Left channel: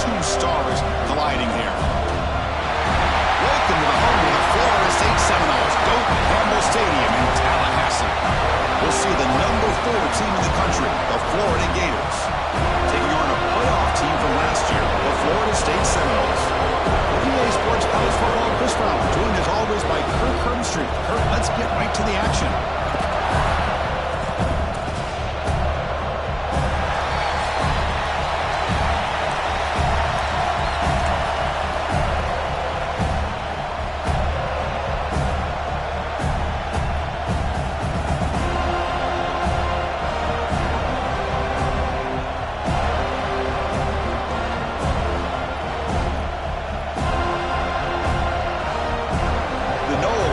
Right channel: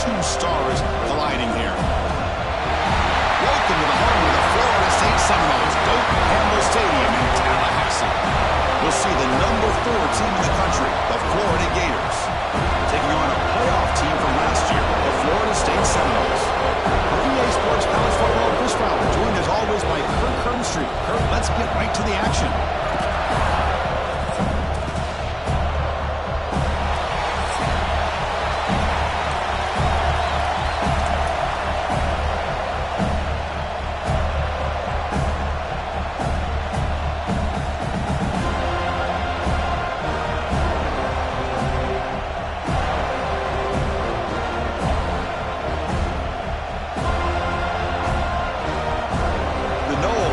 two stars colliding here. Welcome to the home of the Florida State Seminoles, Doak Campbell Stadium in Tallahassee. We'll see the #4 team in the country, the Florida Gators, taking on a playoff team from last year, the Florida State Seminoles. For EA Sports College Football, Chris Fowler, joined as always by Kirk Herbstreit. Kirk, let's get right to the action.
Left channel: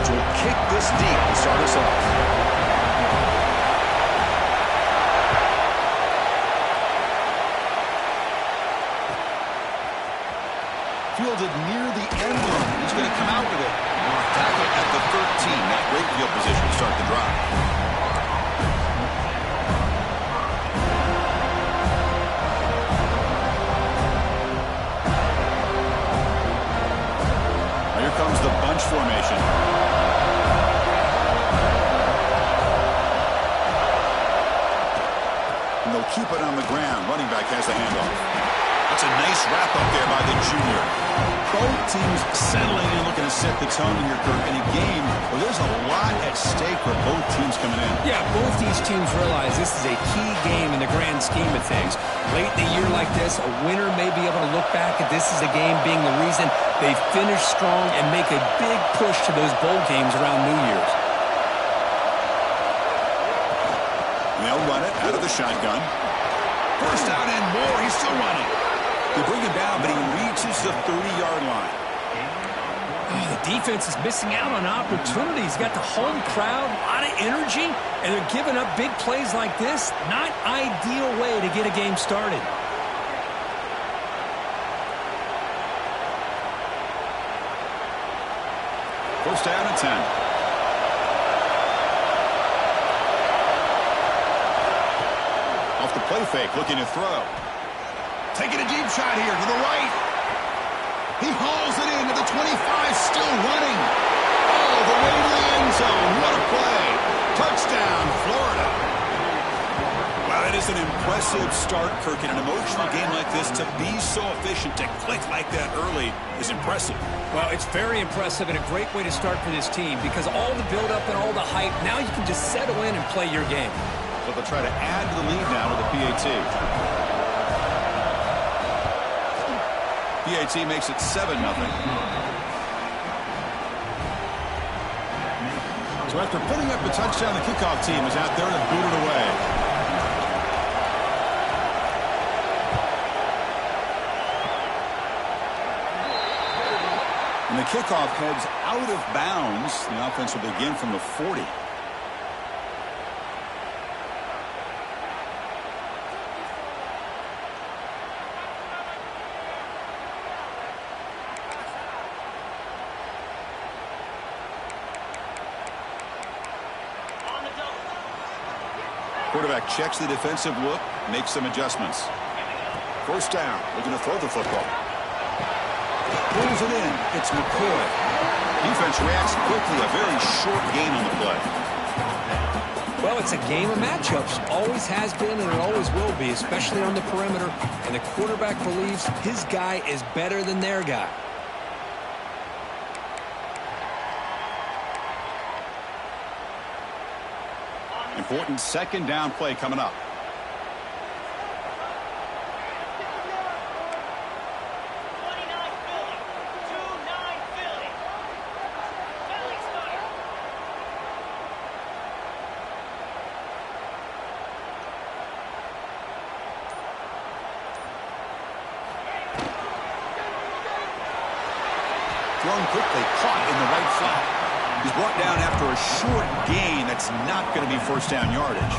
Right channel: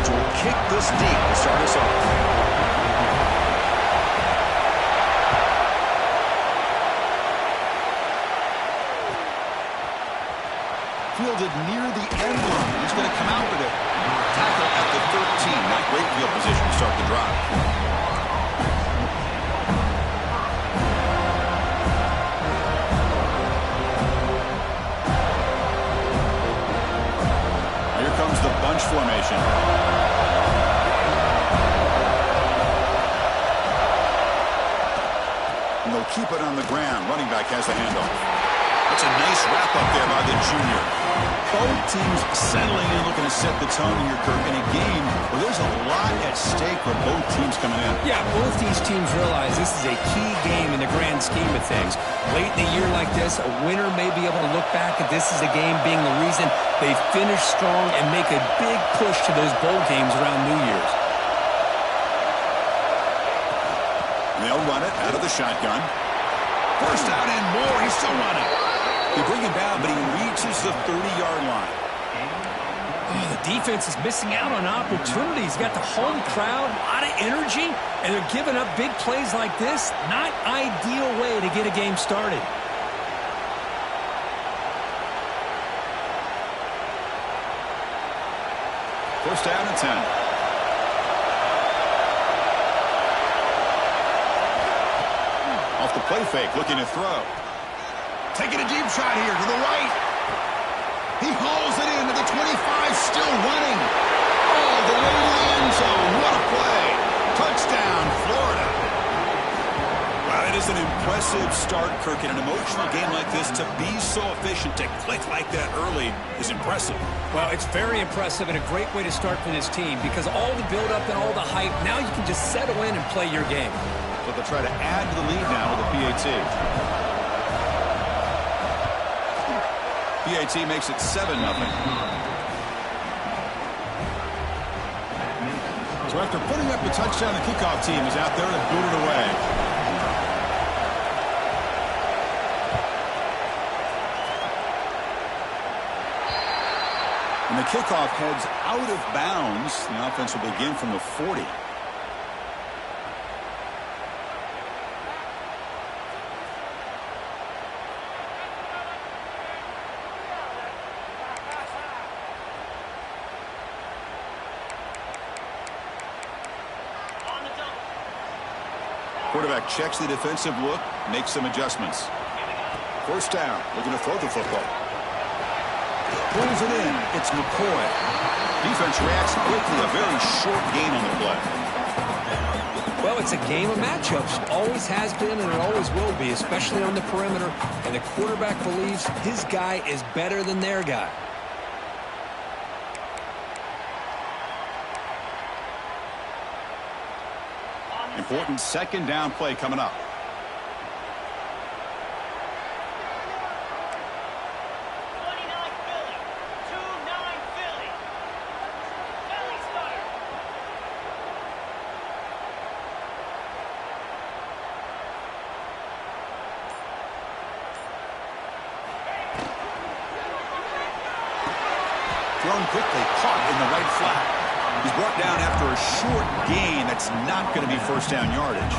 Will kick this deep to start us off. Fielded near the end line. He's going to come out with it. Tackle at the 13. Not great field position to start the drive. Here comes the bunch formation. And they'll keep it on the ground. Running back has the handoff. That's a nice wrap up there by the junior. Both teams settling in, looking to set the tone here, Kirk, in a game where there's a lot at stake for both teams coming in. Yeah, both these teams realize this is a key game in the grand scheme of things. Late in a year like this, a winner may be able to look back at this as a game being the reason they finish strong and make a big push to those bowl games around New Year's. And they'll run it out of the shotgun. First down and more. He's still running. They bring him down, but he reaches the 30-yard line. Oh, the defense is missing out on opportunities. Got the home crowd, a lot of energy, and they're giving up big plays like this. Not ideal way to get a game started. First down and 10. Off the play fake, looking to throw. Taking a deep shot here to the right. He hauls it into the 25, still running. All the way to the end zone. What a play. Touchdown, Florida. Wow, that is an impressive start, Kirk. In an emotional game like this, to be so efficient, to click like that early is impressive. Well, it's very impressive and a great way to start for this team because all the build-up and all the hype, now you can just settle in and play your game. So they'll try to add to the lead now with a PAT. PAT makes it 7-0. So after putting up the touchdown, the kickoff team is out there to boot it away. And the kickoff heads out of bounds. The offense will begin from the 40. Quarterback checks the defensive look, makes some adjustments. First down, looking to throw the football. Pulls it in. It's McCoy. Defense reacts quickly. A very short gain on the play. Well, it's a game of matchups. Always has been and it always will be, especially on the perimeter. And the quarterback believes his guy is better than their guy. Important second down play coming up. Thrown quickly, caught in the right flat. He's brought down after a short gain. That's not going to be first down yardage.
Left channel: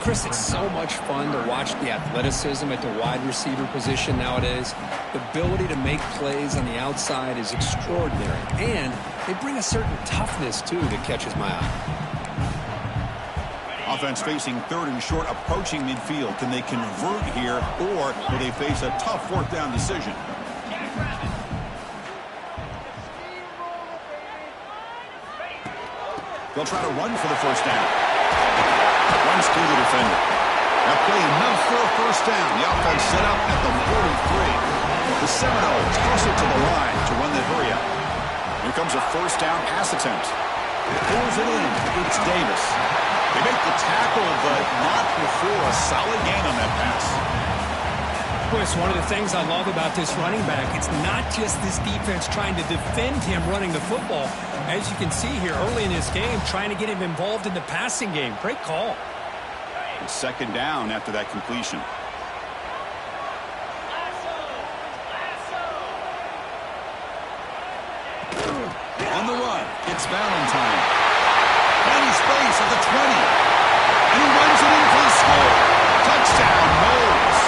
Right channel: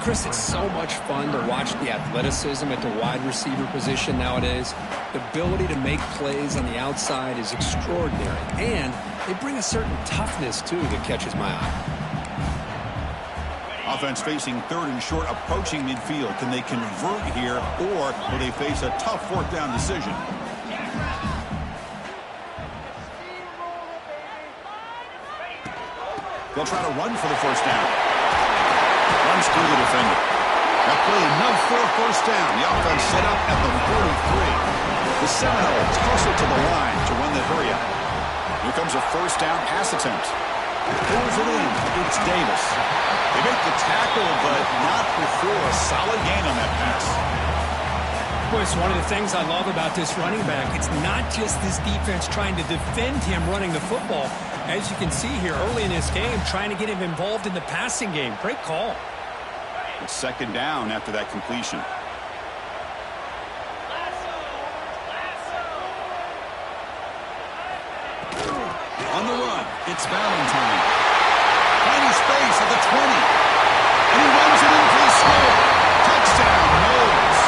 Chris, it's so much fun to watch the athleticism at the wide receiver position nowadays. The ability to make plays on the outside is extraordinary. And they bring a certain toughness, too, that catches my eye. Offense facing third and short, approaching midfield. Can they convert here, or will they face a tough fourth down decision? They'll try to run for the first down. Runs through the defender. That play enough for a first down. The offense set up at the 43. The Seminoles toss it to the line to run the hurry up. Here comes a first down pass attempt. Pulls it in. It's Davis. They make the tackle, but not before a solid gain on that pass. Well, it's one of the things I love about this running back. It's not just this defense trying to defend him running the football. As you can see here early in this game, trying to get him involved in the passing game. Great call. It's second down after that completion. On the run, it's Valentine. Finding space at the 20. And he runs it in for the score. Touchdown, Knowles.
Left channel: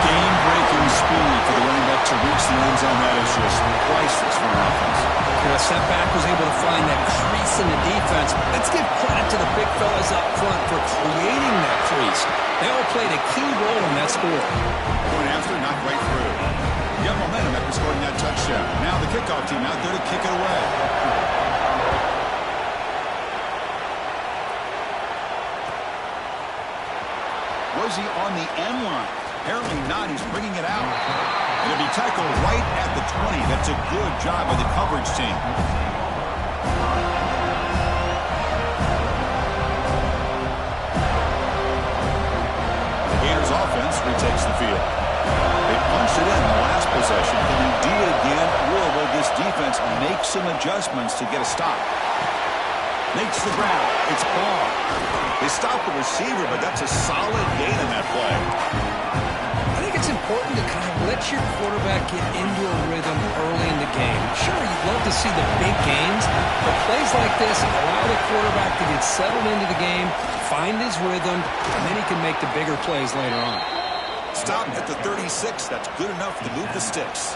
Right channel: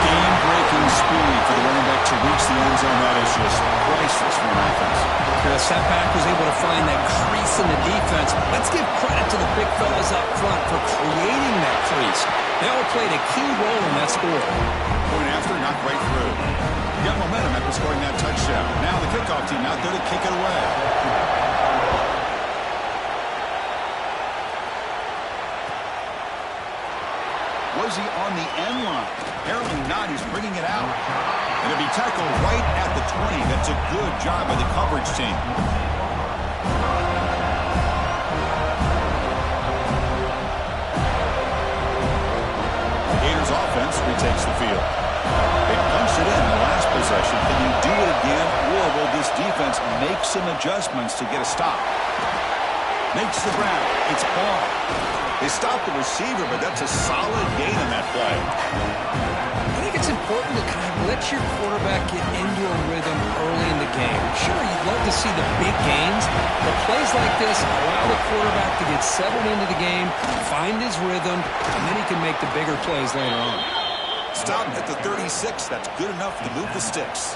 Game-breaking speed for the running back to reach the end zone. That is just priceless for an offense. The setback was able to find that crease in the defense. Let's give credit to the big fellas up front for creating that crease. They all played a key role in that score. Point after, knocked right through. You got momentum after scoring that touchdown. Now the kickoff team out there to kick it away. Was he on the end line? Apparently not. He's bringing it out. And it'll be tackled right at the 20. That's a good job by the coverage team. The Gators offense retakes the field. They punched it in the last possession. Can they do it again, or will this defense make some adjustments to get a stop? Makes the ground. It's Ball. They stopped the receiver, but that's a solid gain on that play. I think it's important to kind of let your quarterback get into a rhythm early in the game. Sure, you'd love to see the big gains, but plays like this allow the quarterback to get settled into the game, find his rhythm, and then he can make the bigger plays later on. Stop at the 36. That's good enough to move the sticks.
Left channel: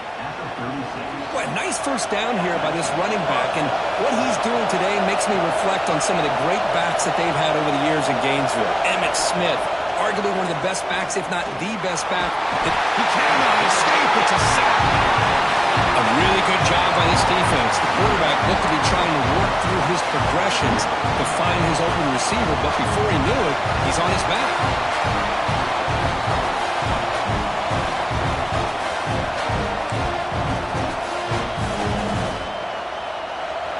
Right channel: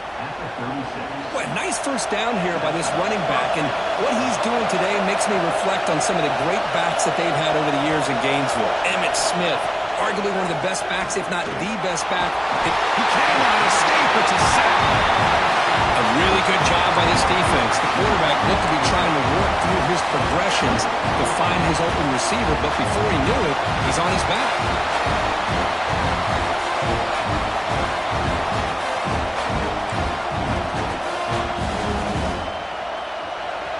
Well, nice first down here by this running back, and what he's doing today makes me reflect on some of the great backs that they've had over the years in Gainesville. Emmitt Smith, arguably one of the best backs, if not the best back. He cannot escape. It's a sack. A really good job by this defense. The quarterback looked to be trying to work through his progressions to find his open receiver, but before he knew it, he's on his back.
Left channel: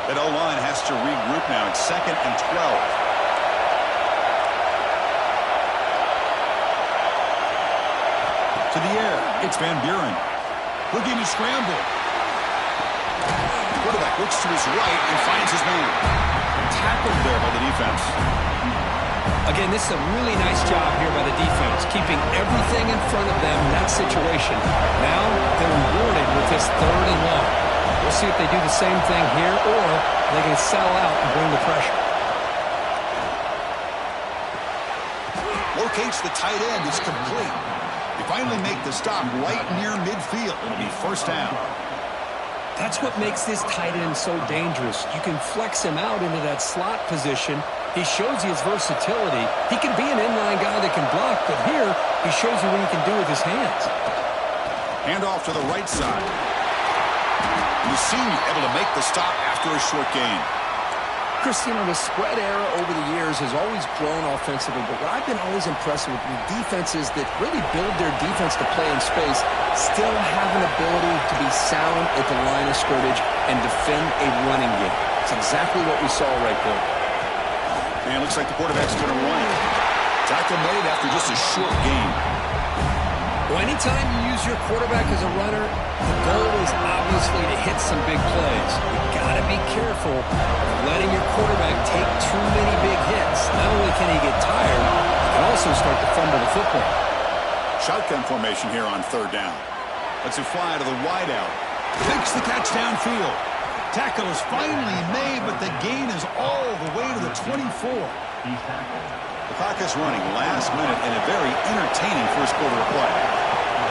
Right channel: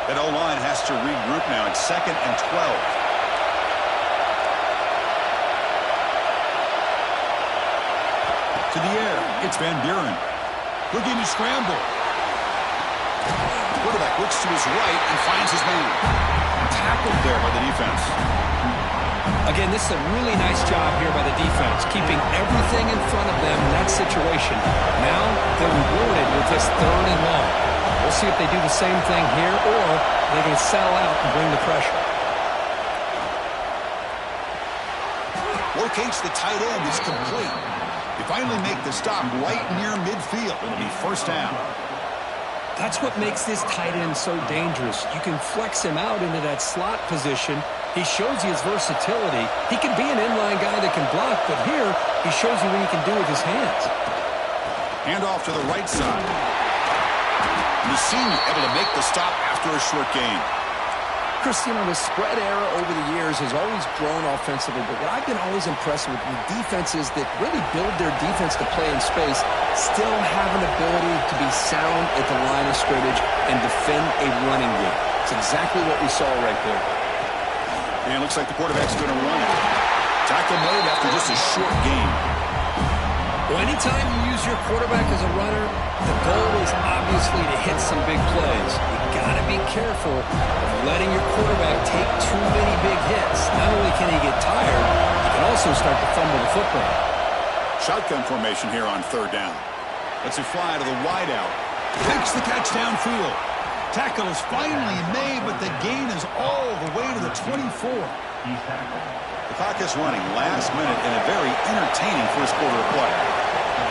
That O-line has to regroup now. It's 2nd and 12. To the air. It's Van Buren. Looking to scramble. Quarterback looks to his right and finds his man. Tackled there by the defense. Again, this is a really nice job here by the defense, keeping everything in front of them in that situation. Now they're rewarded with this 3rd and long. We'll see if they do the same thing here, or they can settle out and bring the pressure. Locates the tight end. It's complete. They finally make the stop right near midfield. It'll be first down. That's what makes this tight end so dangerous. You can flex him out into that slot position. He shows you his versatility. He can be an inline guy that can block, but here he shows you what he can do with his hands. Hand off to the right side. The senior able to make the stop after a short gain. Chris, you know, the spread era over the years has always grown offensively, but what I've been always impressed with defenses that really build their defense to play in space still have an ability to be sound at the line of scrimmage and defend a running game. It's exactly what we saw right there. And it looks like the quarterback's going to run it. Tackle made after just a short gain. Well, anytime you use your quarterback as a runner, the goal is obviously to hit some big plays. You got to be careful of letting your quarterback take too many big hits. Not only can he get tired, he can also start to fumble the football. Shotgun formation here on 3rd down. Lets it fly to the wideout. Takes the catch downfield. Tackle is finally made, but the gain is all the way to the 24. The clock is running last minute in a very entertaining first quarter of play.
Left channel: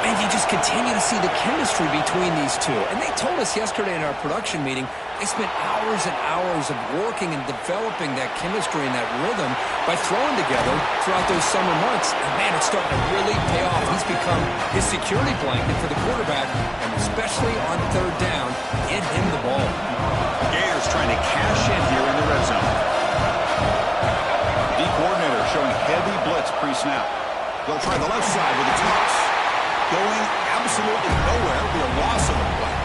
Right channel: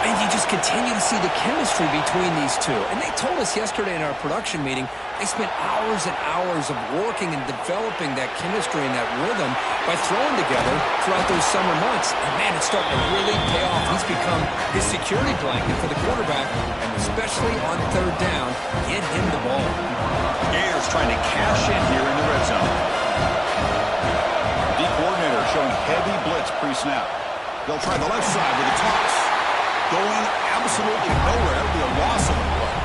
And you just continue to see the chemistry between these two. And they told us yesterday in our production meeting, they spent hours and hours of working and developing that chemistry and that rhythm by throwing together throughout those summer months. And, man, it's starting to really pay off. He's become his security blanket for the quarterback, and especially on third down, get him the ball. Gators trying to cash in here in the red zone. The coordinator showing heavy blitz pre-snap. They'll try the left side with a toss. Going absolutely nowhere. That'll be a loss of the play.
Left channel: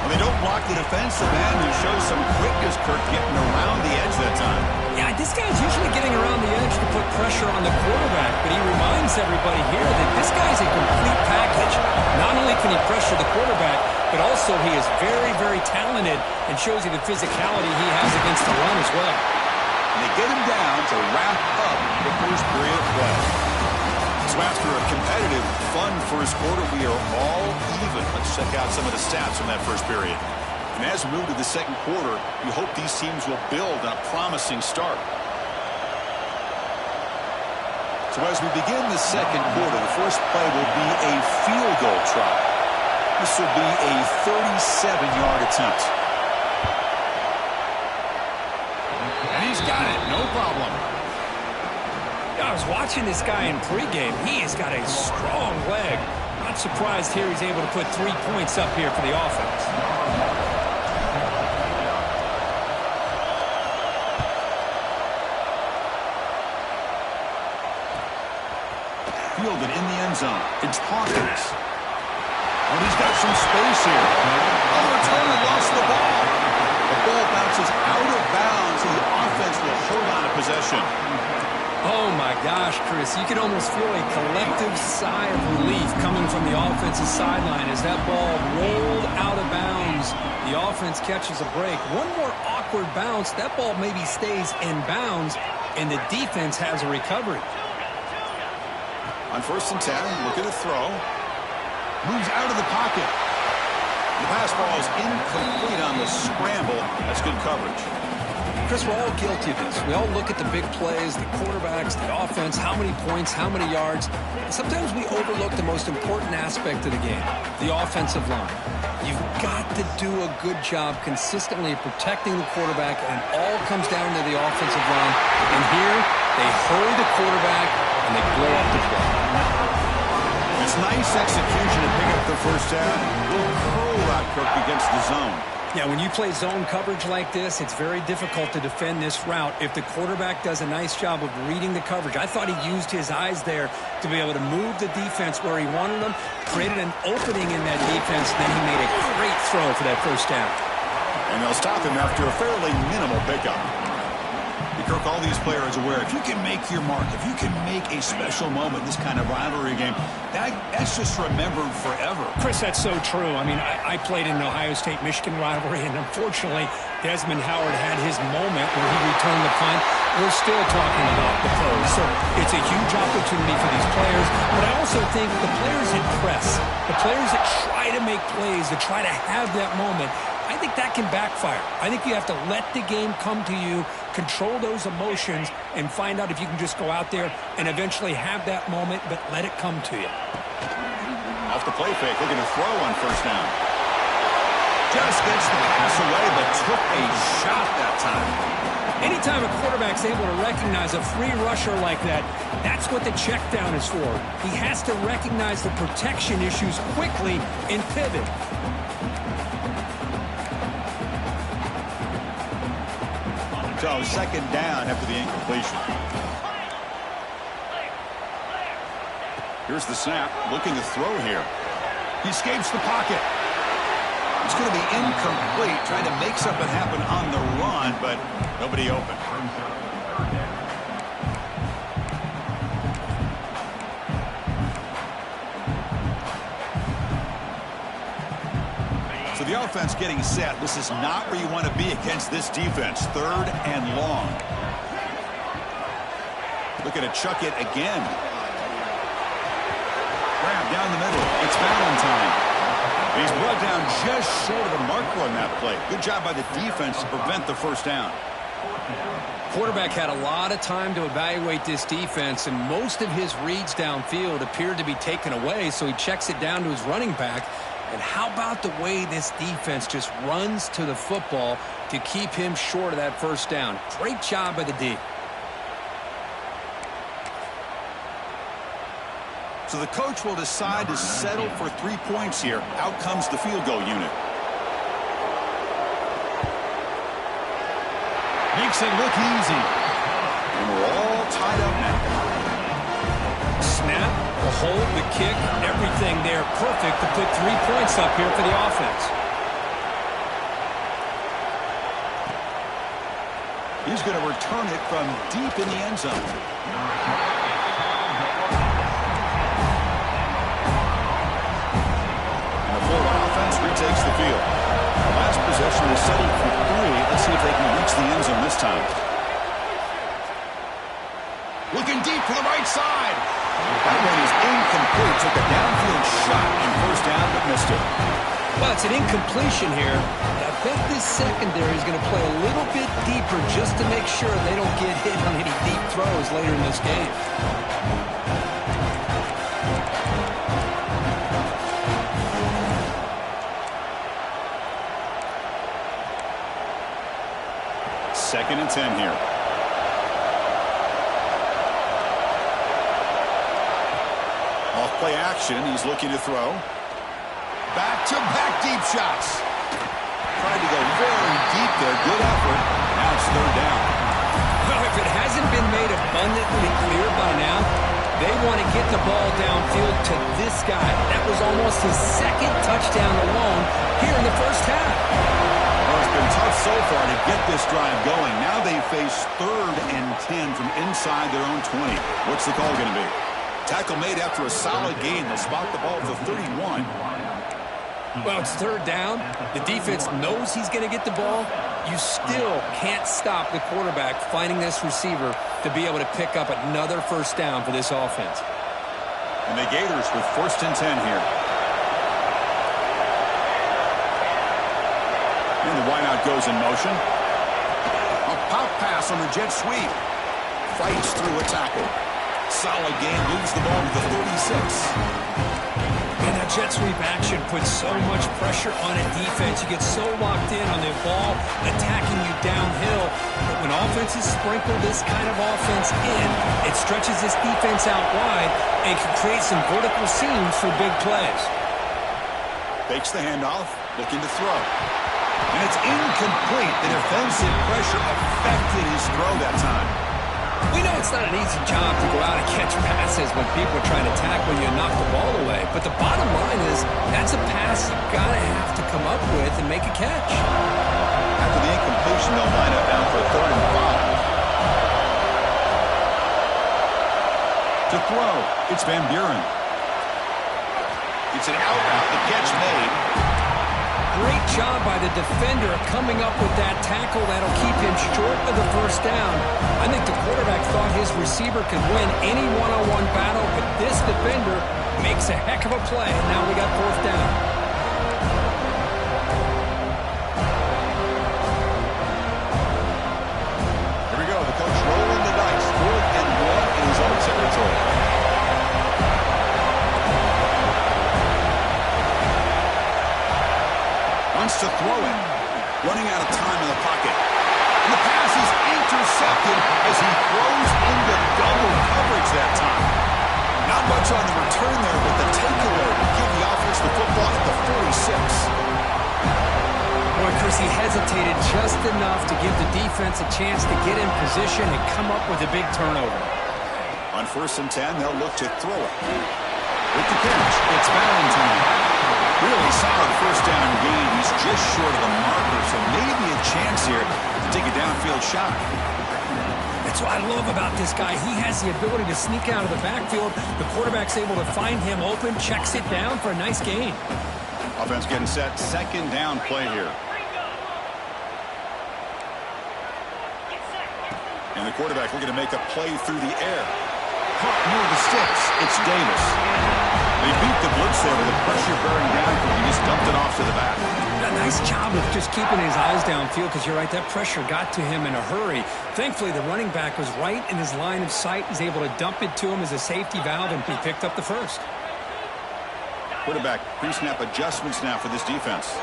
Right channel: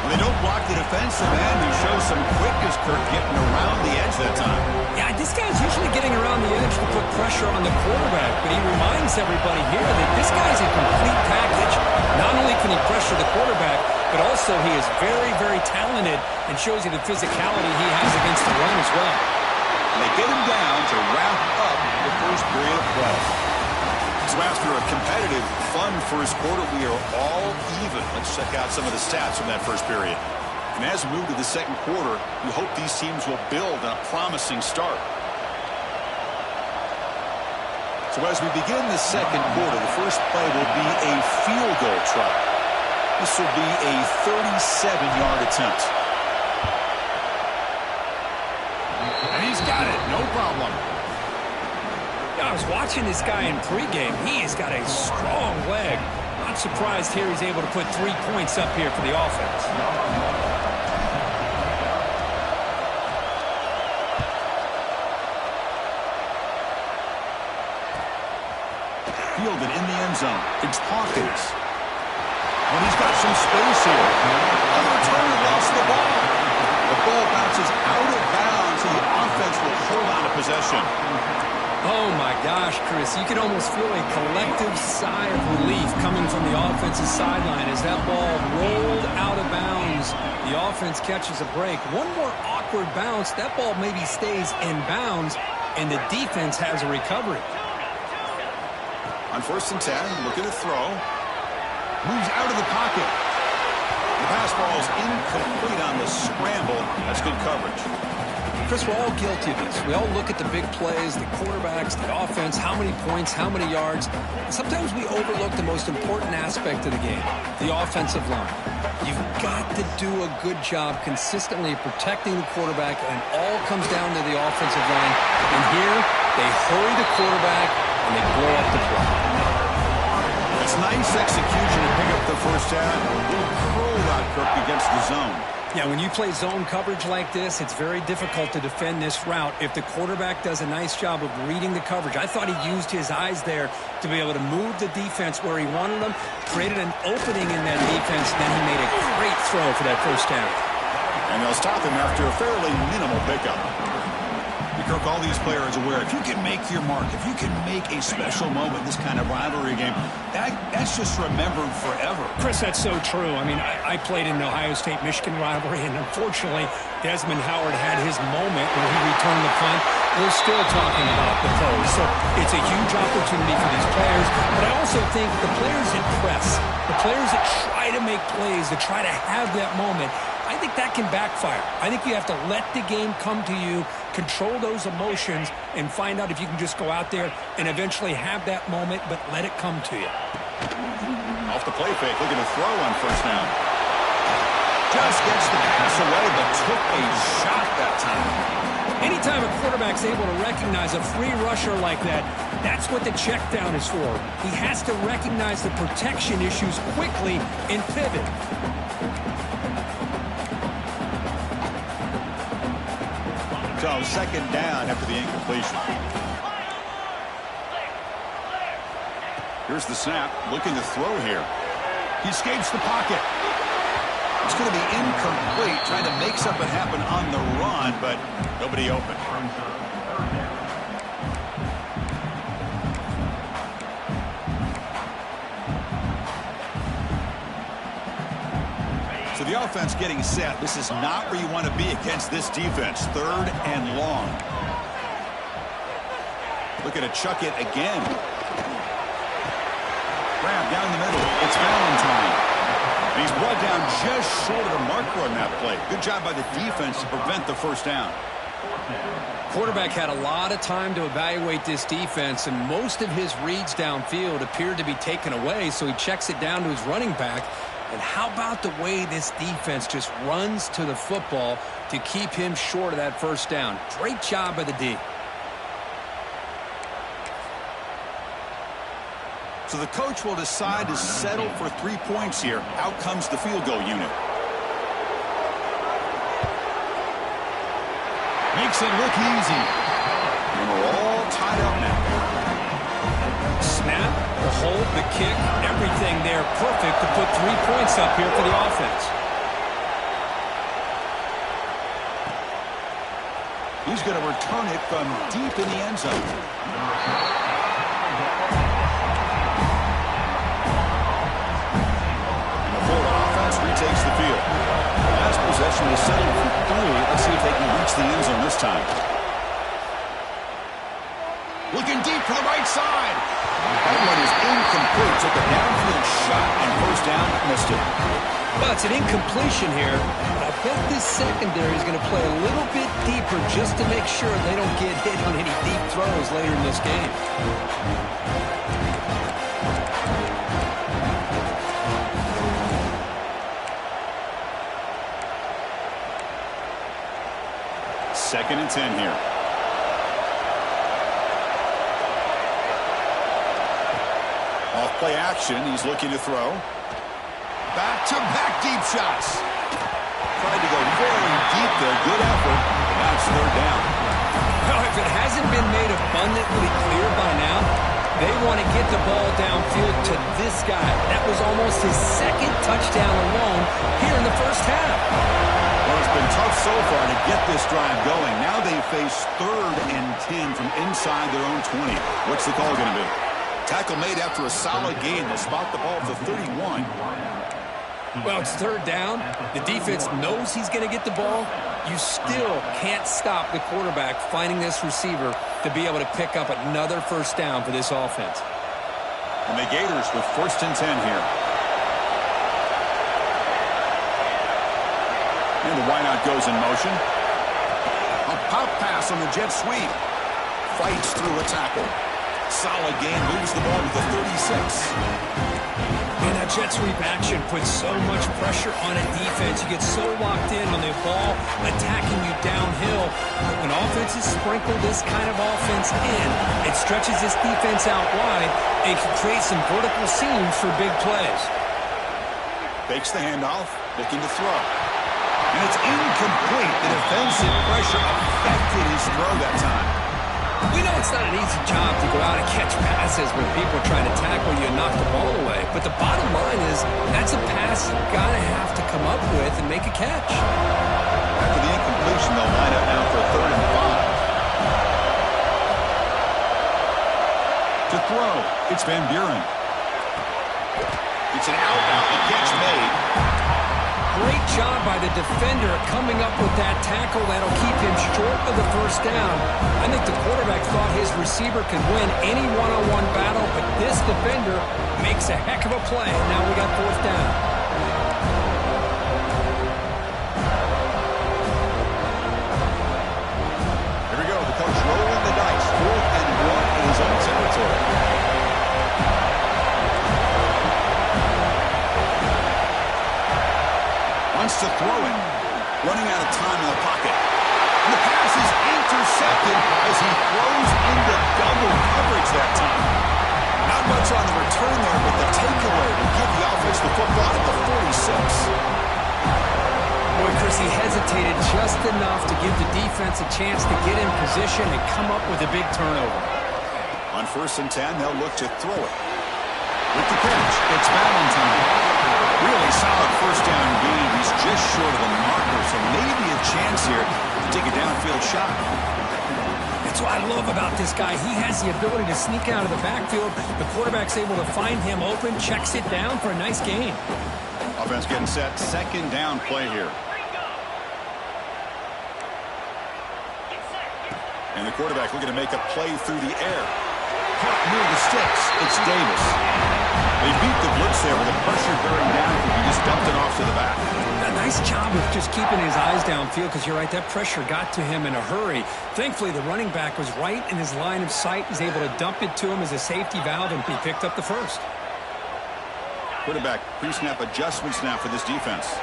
Well, they don't block the defensive end, who shows some quickness, Kirk, getting around the edge that time. Yeah, this guy's usually getting around the edge to put pressure on the quarterback, but he reminds everybody here that this guy's a complete package. Not only can he pressure the quarterback, but also he is very, very talented and shows you the physicality he has against the run as well. And they get him down to wrap up the first period of play. So after a competitive, fun first quarter, we are all even. Let's check out some of the stats from that first period. And as we move to the second quarter, we hope these teams will build on a promising start. So as we begin the second quarter, the first play will be a field goal try. This will be a 37-yard attempt. And he's got it, no problem. I was watching this guy in pregame. He has got a strong leg. Not surprised here he's able to put 3 points up here for the offense. Fielded in the end zone. It's Hawkins. And he's got some space here. On the return, and lost the ball. The ball bounces out of bounds, and the offense will hold on to possession. Oh, my gosh, Chris. You can almost feel a collective sigh of relief coming from the offensive sideline as that ball rolled out of bounds. The offense catches a break. One more awkward bounce. That ball maybe stays in bounds, and the defense has a recovery. On 1st and 10, looking to throw. Moves out of the pocket. The pass ball is incomplete on the scramble. That's good coverage. Chris, we're all guilty of this. We all look at the big plays, the quarterbacks, the offense, how many points, how many yards. Sometimes we overlook the most important aspect of the game, the offensive line. You've got to do a good job consistently protecting the quarterback, and it all comes down to the offensive line. And here, they hurry the quarterback, and they blow up the play. It's nice execution to pick up the first down. A little curl route, Kirk, against the zone. Yeah, when you play zone coverage like this, it's very difficult to defend this route if the quarterback does a nice job of reading the coverage. I thought he used his eyes there to be able to move the defense where he wanted them, created an opening in that defense, then he made a great throw for that first down. And they'll stop him after a fairly minimal pickup. Kirk, all these players aware, if you can make your mark, if you can make a special moment in this kind of rivalry game, that's just remembered forever. Chris, that's so true. I mean, I played in an Ohio State-Michigan rivalry, and unfortunately, Desmond Howard had his moment where he returned the punt. We're still talking about the pros. So it's a huge opportunity for these players, but I also think the players that press, the players that try to make plays, that try to have that moment, I think that can backfire. I think you have to let the game come to you, control those emotions, and find out if you can just go out there and eventually have that moment, but let it come to you. Off the play fake, looking to throw on first down. Just gets the pass away, but took a shot that time. Anytime a quarterback's able to recognize a free rusher like that, that's what the check down is for. He has to recognize the protection issues quickly and pivot. So second down after the incompletion. Here's the snap, looking to throw here. He escapes the pocket. It's going to be incomplete, trying to make something happen on the run, but nobody open. So the offense getting set. This is not where you want to be against this defense. 3rd and long. Looking to chuck it again. Grab down the middle. It's Valentine. And he's brought down just short of the marker on that play. Good job by the defense to prevent the first down. Quarterback had a lot of time to evaluate this defense, and most of his reads downfield appeared to be taken away, so he checks it down to his running back. And how about the way this defense just runs to the football to keep him short of that first down? Great job by the D. So the coach will decide to settle for 3 points here. Out comes the field goal unit. Makes it look easy. And we're all tied up now. Snap, the hold, the kick, everything there perfect to put 3 points up here for the offense. He's going to return it from deep in the end zone. And the Florida offense retakes the field. The last possession is settled for 3. Let's see if they can reach the end zone this time. Looking deep for the right side. That one is incomplete. Took a downfield shot on first down, but missed it. Well, it's an incompletion here, but I bet this secondary is going to play a little bit deeper just to make sure they don't get hit on any deep throws later in this game. Second and 10 here. Off play action. He's looking to throw. Back-to-back deep shots. Tried to go very deep there. Good effort. Now it's third down. Well, if it hasn't been made abundantly clear by now, they want to get the ball downfield to this guy. That was almost his second touchdown alone here in the first half. Well, it's been tough so far to get this drive going. Now they face 3rd and 10 from inside their own 20. What's the call going to be? Tackle made after a solid gain. They'll spot the ball at the 31. Well, it's third down. The defense knows he's going to get the ball. You still can't stop the quarterback finding this receiver to be able to pick up another first down for this offense. And the Gators with 1st and 10 here. And the wideout goes in motion. A pop pass on the jet sweep. Fights through a tackle. Solid gain, moves the ball to the 36. And that jet sweep action puts so much pressure on a defense. You get so locked in on the ball attacking you downhill. But when offenses sprinkle this kind of offense in, it stretches this defense out wide and can create some vertical seams for big plays. Fakes the handoff, looking to throw. And it's incomplete. The defensive pressure affected his throw that time. We know it's not an easy job to go out and catch passes when people are trying to tackle you and knock the ball away. But the bottom line is that's a pass you've got to have to come up with and make a catch. After the incompletion, they'll line up now for a 3rd and 5. To throw, it's Van Buren. It's an out route. The catch made. Great job by the defender coming up with that tackle that'll keep him short of the first down. I think the quarterback thought his receiver could win any one-on-one battle, but this defender makes a heck of a play, and now we got 4th down. Here we go. The coach rolling the dice. 4th and 1 in his own territory. Wants to throw it. Running out of time in the pocket. And the pass is intercepted as he throws into double coverage that time. Not much on the return there, but the takeaway will give the offense the football at the 46. Boy, Chris, he hesitated just enough to give the defense a chance to get in position and come up with a big turnover. On 1st and 10, they'll look to throw it. With the catch, it's Valentine. Really solid first down gain. He's just short of the marker, so maybe a chance here to take a downfield shot. That's what I love about this guy. He has the ability to sneak out of the backfield. The quarterback's able to find him open, checks it down for a nice gain. Offense getting set. 2nd down play here. And the quarterback looking to make a play through the air. Caught near the sticks. It's Davis. They beat the blitz there with the pressure bearing down. He just dumped it off to the back. A nice job of just keeping his eyes downfield, because you're right, that pressure got to him in a hurry. Thankfully, the running back was right in his line of sight. He's able to dump it to him as a safety valve, and he picked up the first. Quarterback pre-snap adjustments now for this defense.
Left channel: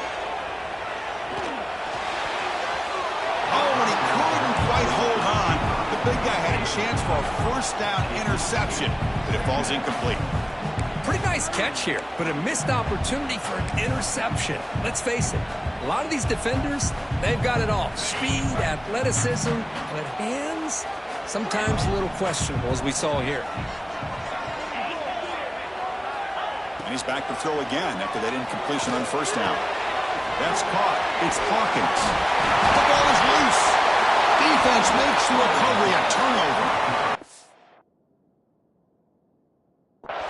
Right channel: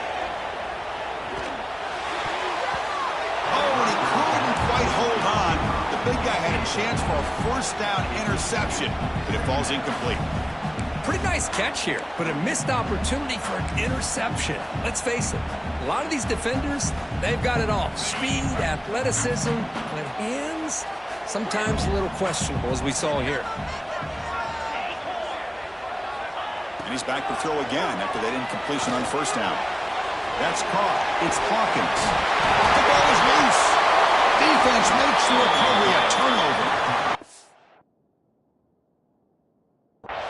Oh, and he couldn't quite hold on. The big guy had a chance for a first down interception, but it falls incomplete. Pretty nice catch here, but a missed opportunity for an interception. Let's face it, a lot of these defenders, they've got it all. Speed, athleticism, but hands, sometimes a little questionable, as we saw here. And he's back to throw again after that incompletion on first down. That's caught. It's Hawkins. The ball is loose. Defense makes the recovery a turnover.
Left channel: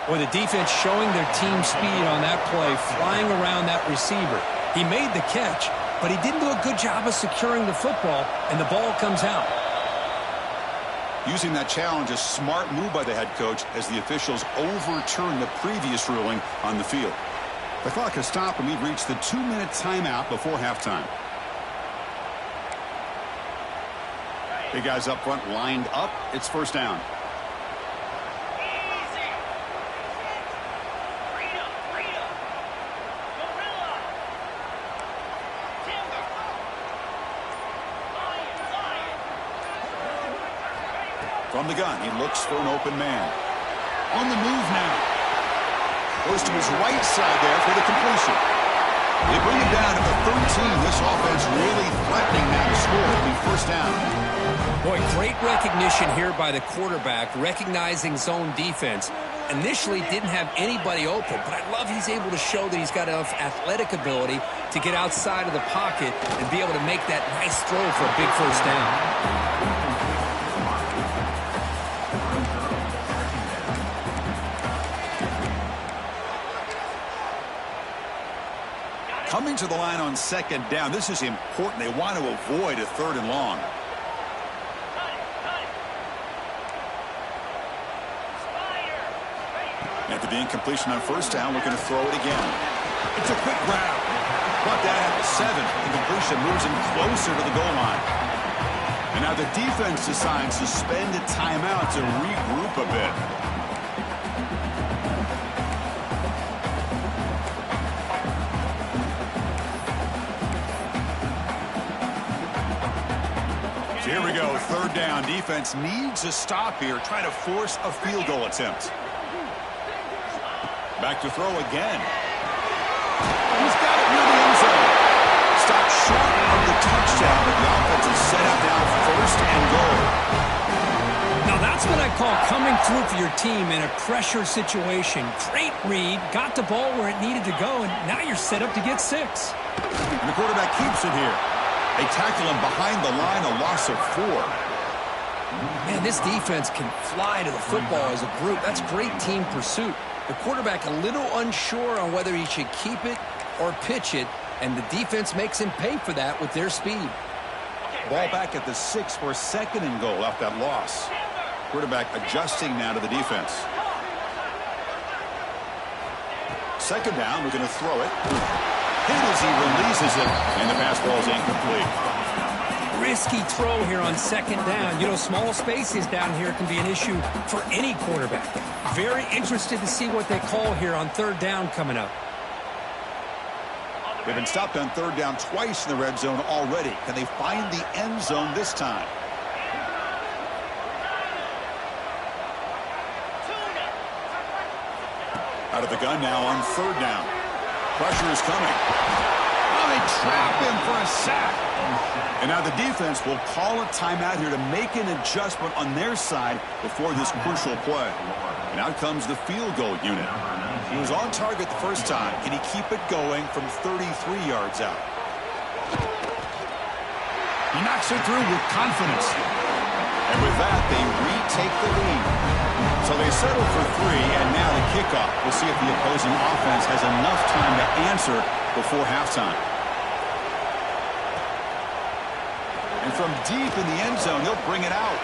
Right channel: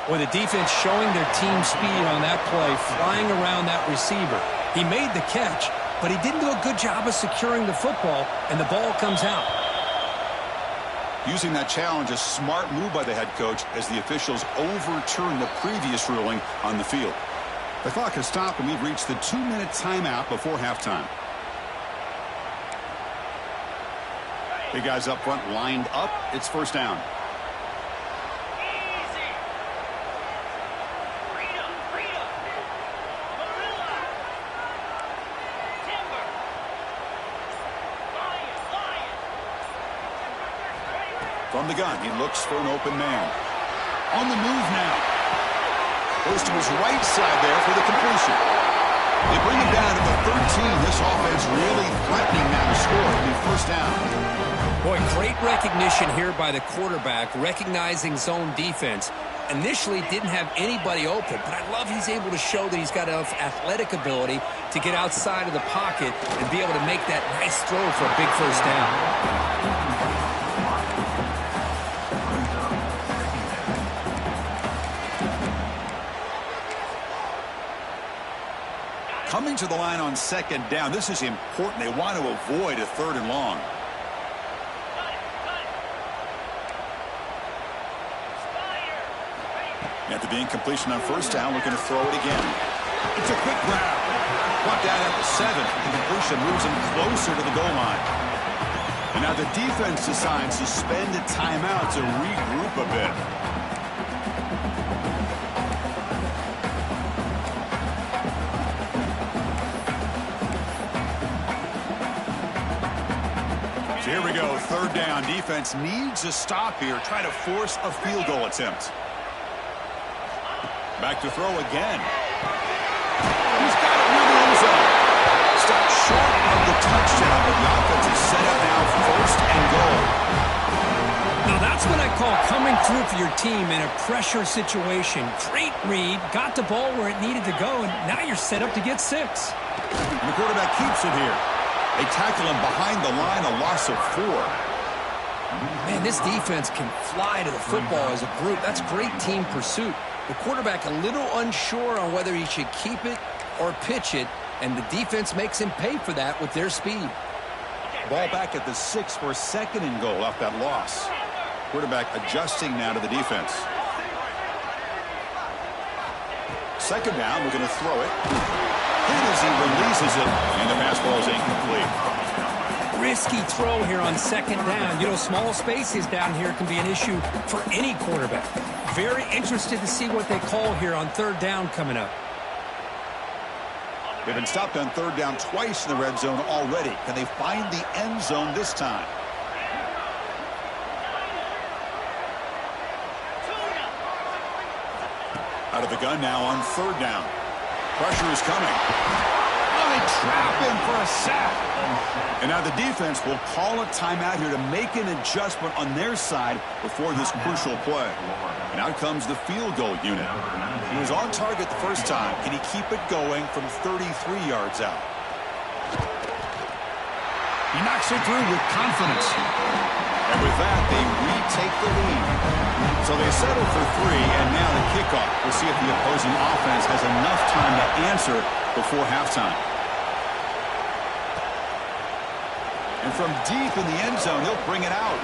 Boy, the defense showing their team speed on that play, flying around that receiver. He made the catch, but he didn't do a good job of securing the football, and the ball comes out. Using that challenge, a smart move by the head coach as the officials overturn the previous ruling on the field. The clock has stopped, and we've reached the 2-minute timeout before halftime. Big guys up front lined up. It's first down. From the gun, he looks for an open man. On the move now. Goes to his right side there for the completion. They bring him down to the 13. This offense really threatening now to score. It'll be first down. Boy, great recognition here by the quarterback, recognizing zone defense. Initially didn't have anybody open, but I love he's able to show that he's got enough athletic ability to get outside of the pocket and be able to make that nice throw for a big first down. Coming to the line on second down. This is important. They want to avoid a third and long. After the incompletion on first down, looking to throw it again. It's a quick grab. Brought down at the 7. The completion moves him closer to the goal line. And now the defense decides to spend a timeout to regroup a bit. So here we go, third down. Defense needs a stop here, trying to force a field goal attempt. Back to throw again. He's got it near the end zone. Stopped short of the touchdown, but the offense is set up now first and goal. Now that's what I call coming through for your team in a pressure situation. Great read, got the ball where it needed to go, and now you're set up to get 6. And the quarterback keeps it here. They tackle him behind the line, a loss of 4. Man, this defense can fly to the football as a group. That's great team pursuit. The quarterback a little unsure on whether he should keep it or pitch it, and the defense makes him pay for that with their speed. Ball back at the 6 for second and goal off that loss. Quarterback adjusting now to the defense. Second down, we're going to throw it. Hit as he releases it, and the pass ball is incomplete. Risky throw here on second down. You know, small spaces down here can be an issue for any quarterback. Very interested to see what they call here on third down coming up. They've been stopped on third down twice in the red zone already. Can they find the end zone this time? Out of the gun now on third down. Pressure is coming. Oh, they trap him for a sack. And now the defense will call a timeout here to make an adjustment on their side before this crucial play. And out comes the field goal unit. He was on target the first time. Can he keep it going from 33 yards out? He knocks it through with confidence. And with that, they retake the lead. So they settle for 3, and now the kickoff. We'll see if the opposing offense has enough time to answer before halftime. And from deep in the end zone, he'll bring it out.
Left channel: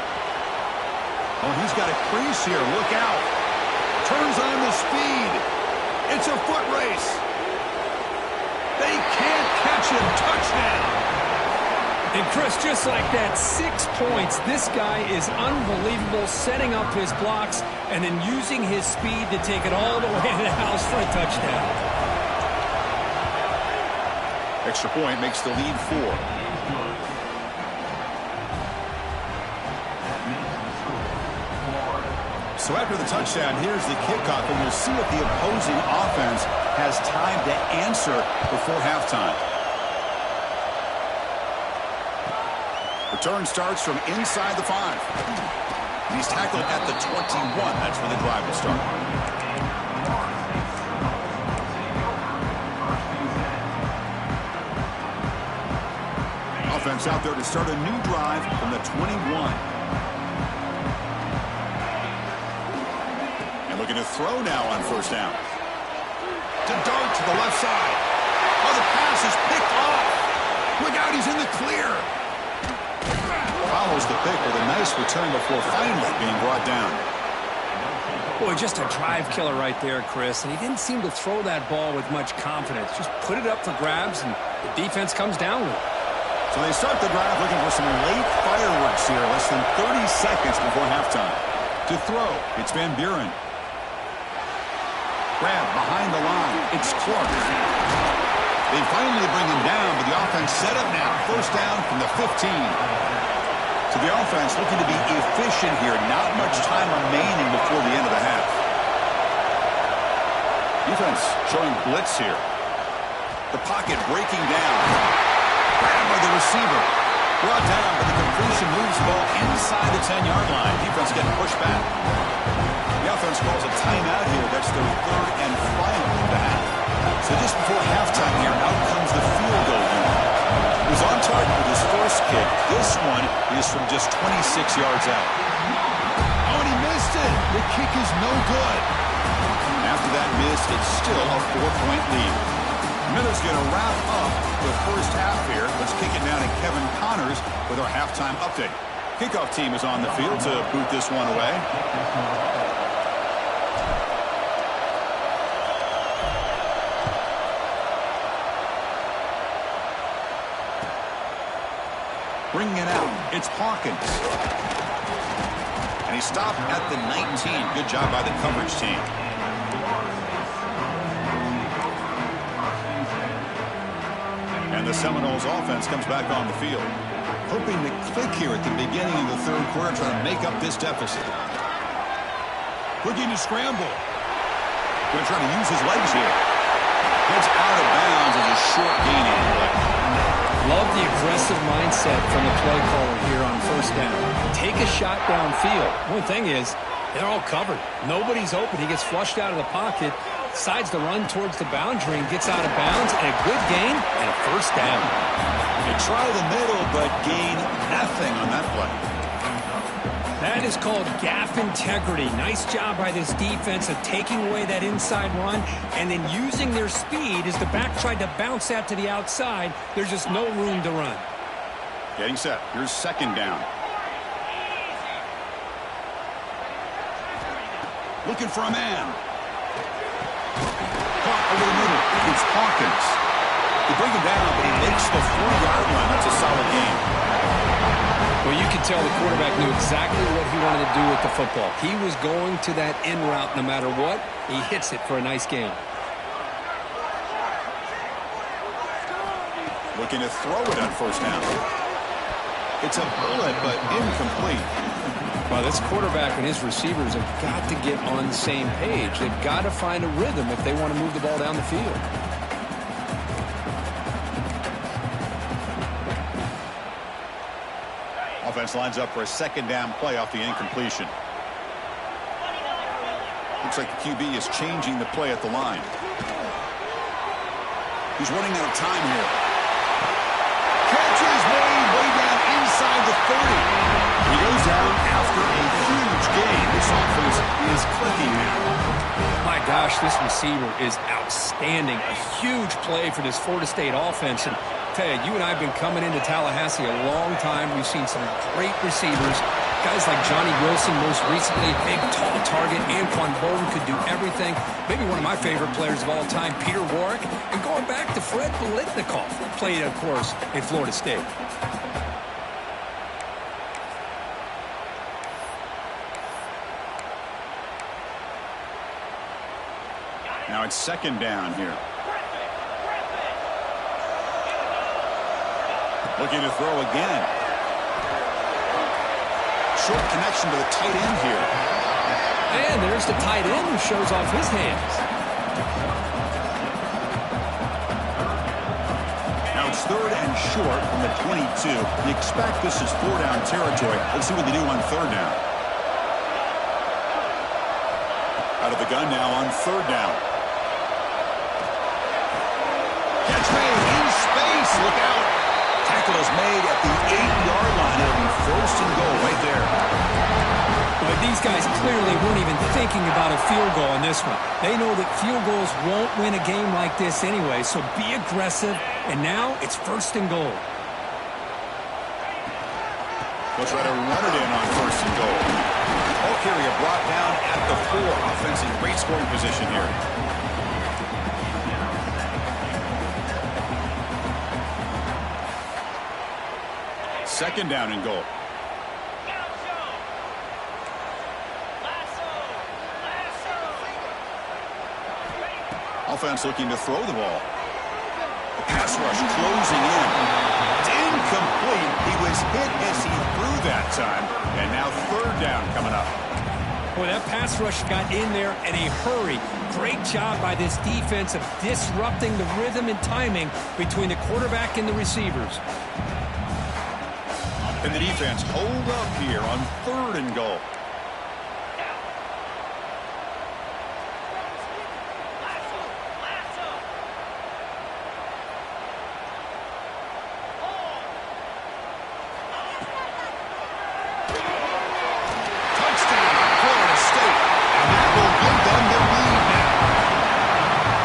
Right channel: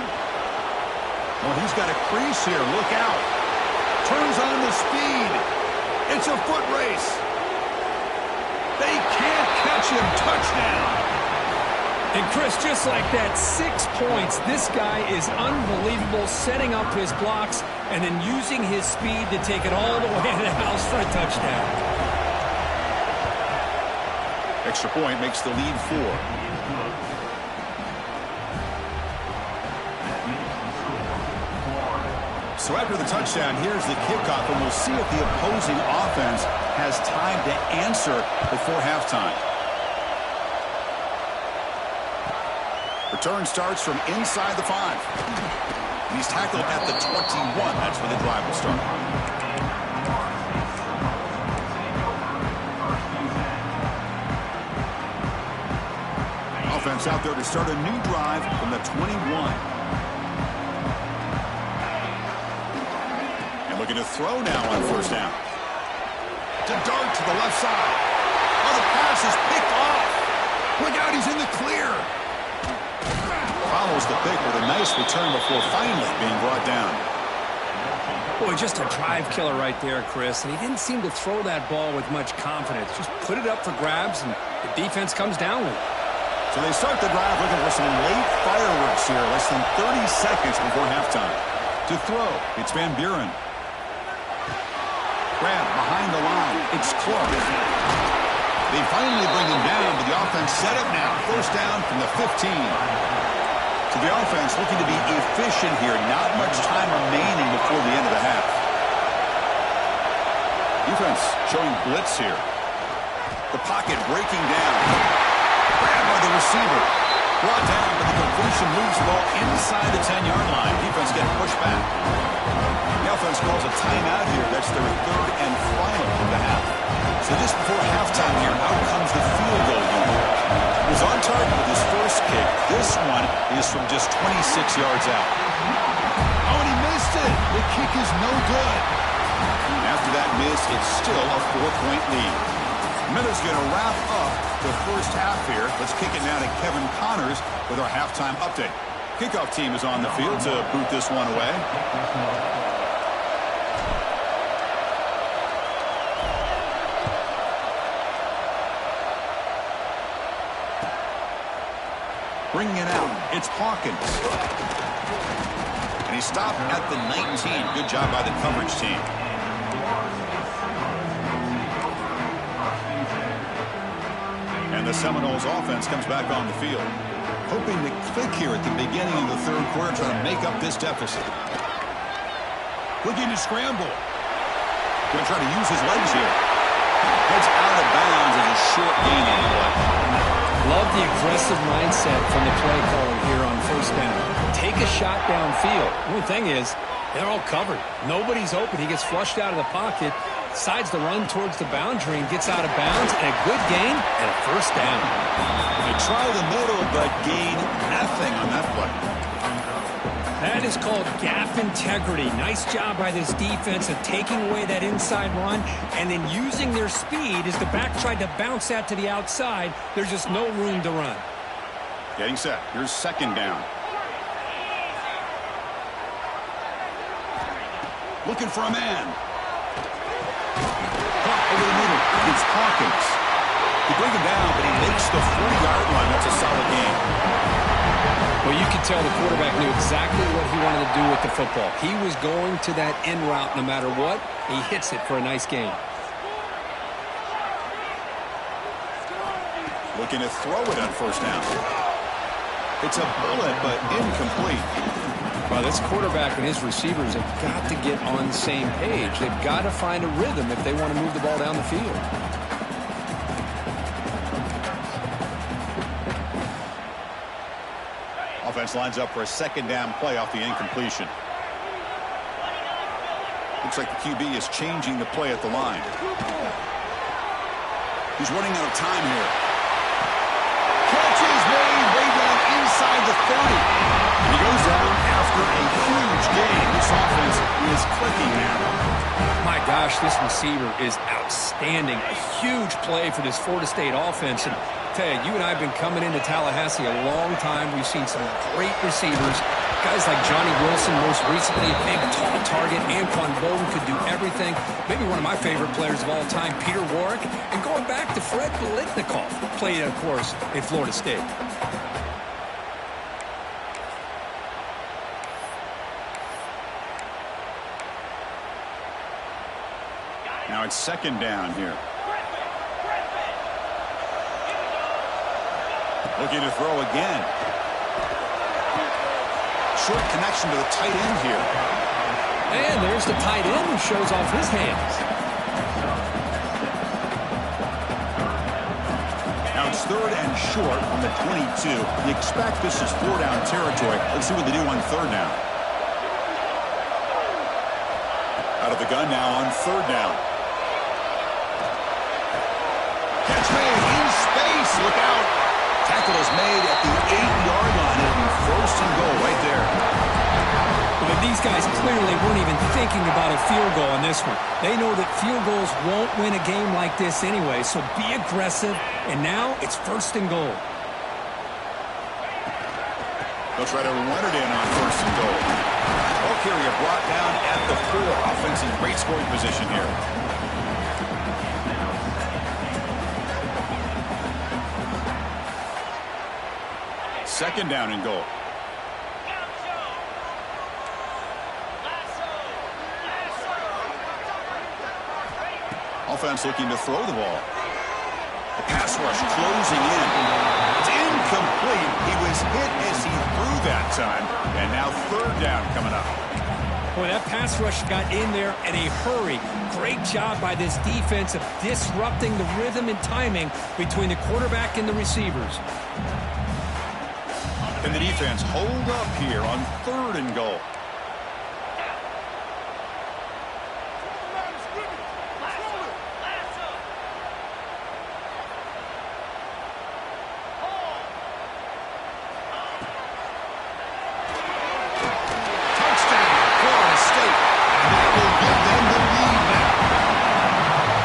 Oh, he's got a crease here. Look out. Turns on the speed. It's a foot race. They can't catch him. Touchdown. And Chris, just like that, 6 points. This guy is unbelievable, setting up his blocks and then using his speed to take it all the way to the house for a touchdown. Extra point makes the lead 4. So after the touchdown, here's the kickoff, and we'll see if the opposing offense has time to answer before halftime. Return starts from inside the 5. He's tackled at the 21. That's where the drive will start. Offense out there to start a new drive from the 21. And looking to throw now on first down. To dart to the left side. Oh, the pass is picked off. Look out, he's in the clear. Follows the pick with a nice return before finally being brought down. Boy, just a drive killer right there, Chris. And he didn't seem to throw that ball with much confidence. Just put it up for grabs, and the defense comes down with it. So they start the drive looking for some late fireworks here. Less than 30 seconds before halftime. To throw, it's Van Buren. Grab behind the line. It's Clark. They finally bring him down, but the offense set up now. First down from the 15. So the offense looking to be efficient here. Not much time remaining before the end of the half. Defense showing blitz here. The pocket breaking down. Grabbed by the receiver. Brought down, but the completion moves the ball inside the 10-yard line. Defense getting pushed back. The offense calls a timeout here. That's their third and final of the half. So just before halftime here, out comes the field goal unit. He was on target with his first kick. This one is from just 26 yards out. Oh, and he missed it. The kick is no good. After that miss, it's still a 4-point lead. Miller's going to wrap up the first half here. Let's kick it now to Kevin Connors with our halftime update. Kickoff team is on the field to boot this one away. Bringing it out, it's Hawkins. And he stopped at the 19. Good job by the coverage team. And the Seminoles offense comes back on the field. Hoping to click here at the beginning of the third quarter, trying to make up this deficit. Looking to scramble. Going to try to use his legs here. Heads out of bounds as a short gain on the play. Love the aggressive mindset from the play caller here on first down. Take a shot downfield. One thing is, they're all covered. Nobody's open. He gets flushed out of the pocket, decides to run towards the boundary and gets out of bounds, and a good gain and a first down. They try the middle, but gain nothing on that play. That is called gap integrity. Nice job by this defense of taking away that inside run and then using their speed as the back tried to bounce that to the outside. There's just no room to run. Getting set. Here's second down. Looking for a man. Caught over the middle. It's Hawkins. They bring him down, but he makes the 40-yard line. That's a solid game. Well, you could tell the quarterback knew exactly what he wanted to do with the football. He was going to that in route no matter what. He hits it for a nice gain. Looking to throw it on first down. It's a bullet, but incomplete. Well, this quarterback and his receivers have got to get on the same page. They've got to find a rhythm if they want to move the ball down the field. Offense lines up for a second down play off the incompletion. Looks like the QB is changing the play at the line. He's running out of time here. Catch is made way down inside the 30. And he goes down after a huge gain. This offense is clicking now. My gosh, this receiver is outstanding. A huge play for this Florida State offense. And tell you and I have been coming into Tallahassee a long time. We've seen some great receivers, Guys like Johnny Wilson, most recently, a big, tall target. Anquan Bolden could do everything. Maybe one of my favorite players of all time, Peter Warrick. And going back to Fred Biletnikoff, played, of course, in Florida State. Now it's second down here. Looking to throw again. Short connection to the tight end here. And there's the tight end who shows off his hands. Now it's third and short from the 22. You expect this is 4-down territory. Let's see what they do on third down. Out of the gun now on third down. Catch made in space. Look out. Tackle is made at the 8-yard line. It'll be first and goal right there. But these guys clearly weren't even thinking about a field goal on this one. They know that field goals won't win a game like this anyway, so be aggressive. And now it's first and goal. They'll try to run it in on first and goal. Ball carrier brought down at the 4. Offense in great scoring position here. Second down and goal. Offense looking to throw the ball. The pass rush closing in. It's incomplete. He was hit as he threw that time. And now third down coming up. Boy, that pass rush got in there in a hurry. Great job by this defense of disrupting the rhythm and timing between the quarterback and the receivers. And the defense hold up here on third and goal. Touchdown, Florida State. And that will give them the lead now.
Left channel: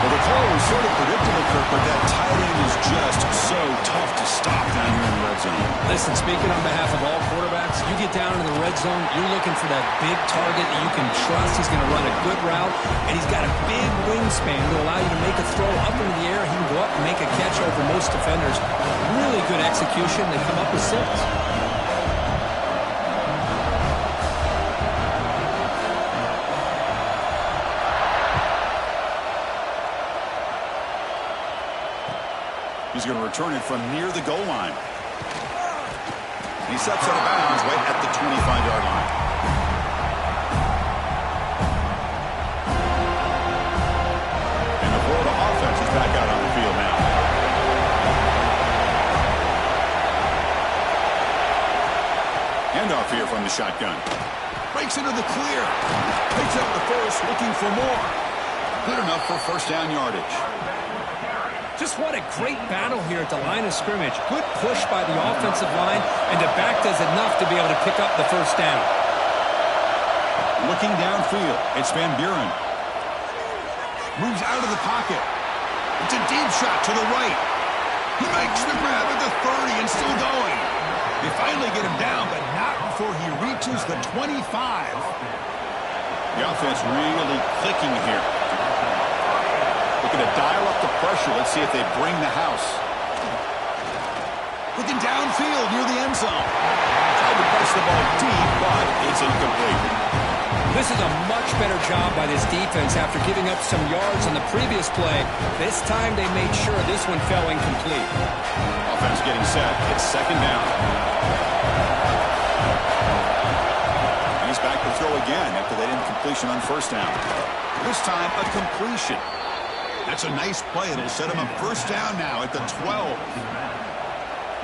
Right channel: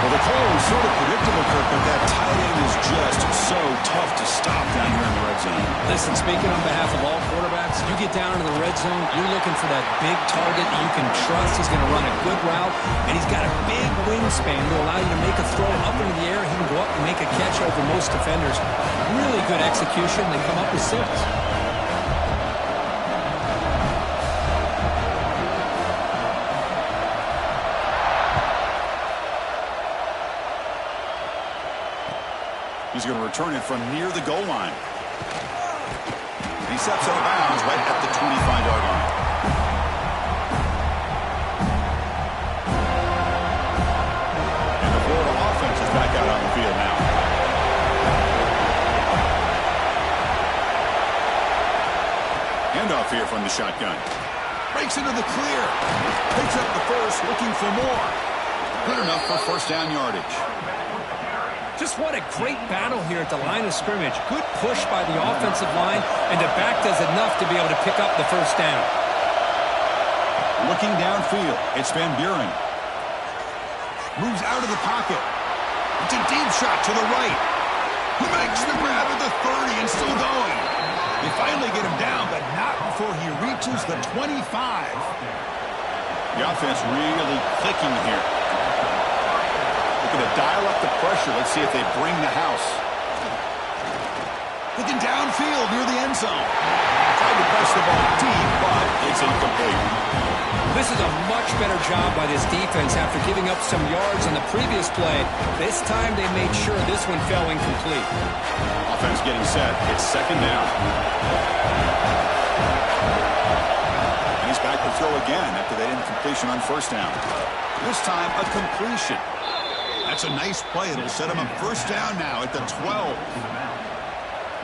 Well, the call was sort of predictable, Kirk, but that tight end is just so tough to stop down here in the red zone. Listen, speaking on behalf of all quarterbacks, you get down into the red zone, you're looking for that big target that you can trust. He's going to run a good route, and he's got a big wingspan to allow you to make a throw up into the air. He can go up and make a catch over most defenders. Really good execution. They come up with 6. He's going to return it from near the goal line. And he steps out of bounds right at the 25-yard line. And the Florida offense is back out on the field now. Handoff here from the shotgun. Breaks into the clear. Picks up the first, looking for more. Good enough for first down yardage. Just what a great battle here at the line of scrimmage. Good push by the offensive line, and the back does enough to be able to pick up the first down. Looking downfield, it's Van Buren. Moves out of the pocket. It's a deep shot to the right. He makes the grab at the 30 and still going. They finally get him down, but not before he reaches the 25. The offense really clicking here. Looking to dial up the pressure. Let's see if they bring the house. Looking downfield near the end zone. Tried to press the ball deep, but it's incomplete. This is a much better job by this defense after giving up some yards on the previous play. This time they made sure this one fell incomplete. Offense getting set. It's second down. And he's back to throw again after that incompletion on first down. This time a completion. That's a nice play. It'll set him up first down now at the 12.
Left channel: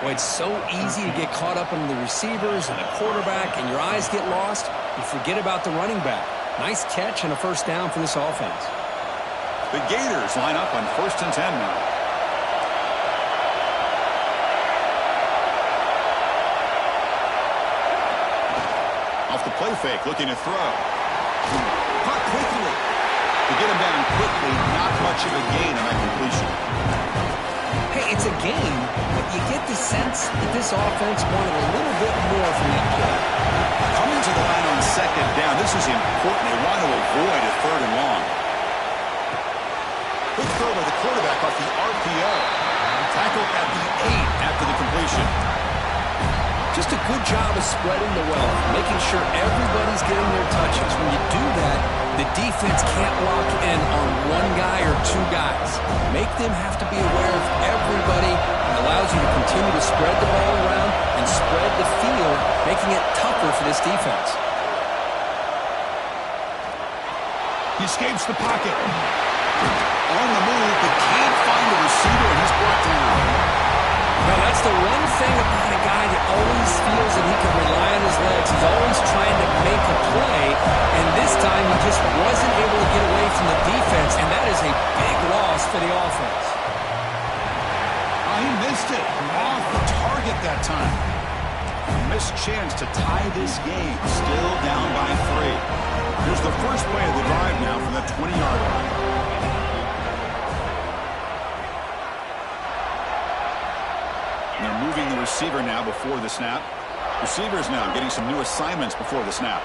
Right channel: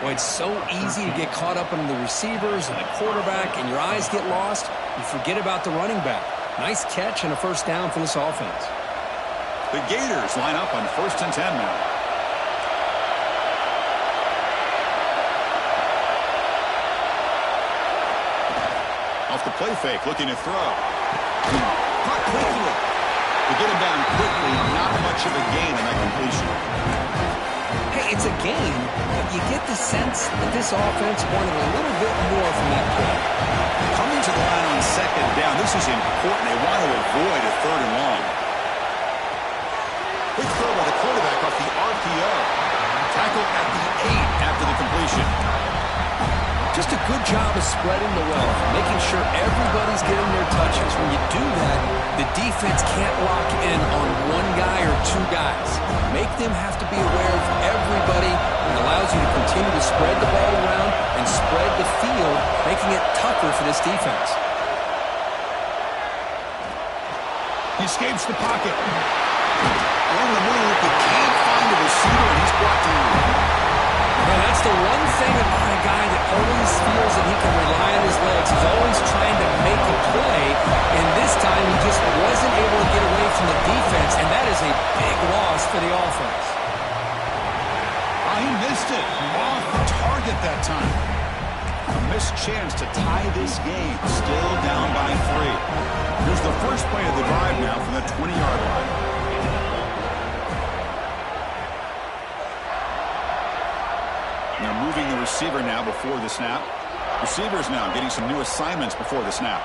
Boy, it's so easy to get caught up in the receivers and the quarterback, and your eyes get lost. You forget about the running back. Nice catch and a first down for this offense. The Gators line up on first and 10 now. Off the play fake, looking to throw. Caught quickly. To get him down quickly, not much of a gain on that completion. Hey, it's a game, but you get the sense that this offense wanted a little bit more from that play. Coming return to the line on second down. This is important. They want to avoid a 3rd and long. Quick throw by the quarterback off the RPO. Tackle at the 8 after the completion. Just a good job of spreading the wealth, making sure everybody's getting their touches. When you do that, the defense can't lock in on one guy or 2 guys. Make them have to be aware of everybody. It allows you to continue to spread the ball around and spread the field, making it tougher for this defense. He escapes the pocket. On the move, but can't find a receiver, and he's brought down. Now, that's the one thing about a guy that always feels that he can rely on his legs. He's always trying to make a play, and this time he just wasn't able to get away from the defense, and that is a big loss for the offense. Oh, he missed it. Off the target that time. A missed chance to tie this game. Still down by 3. Here's the first play of the drive now from the 20-yard line. They're moving the receiver now before the snap. Receivers now getting some new assignments before the snap.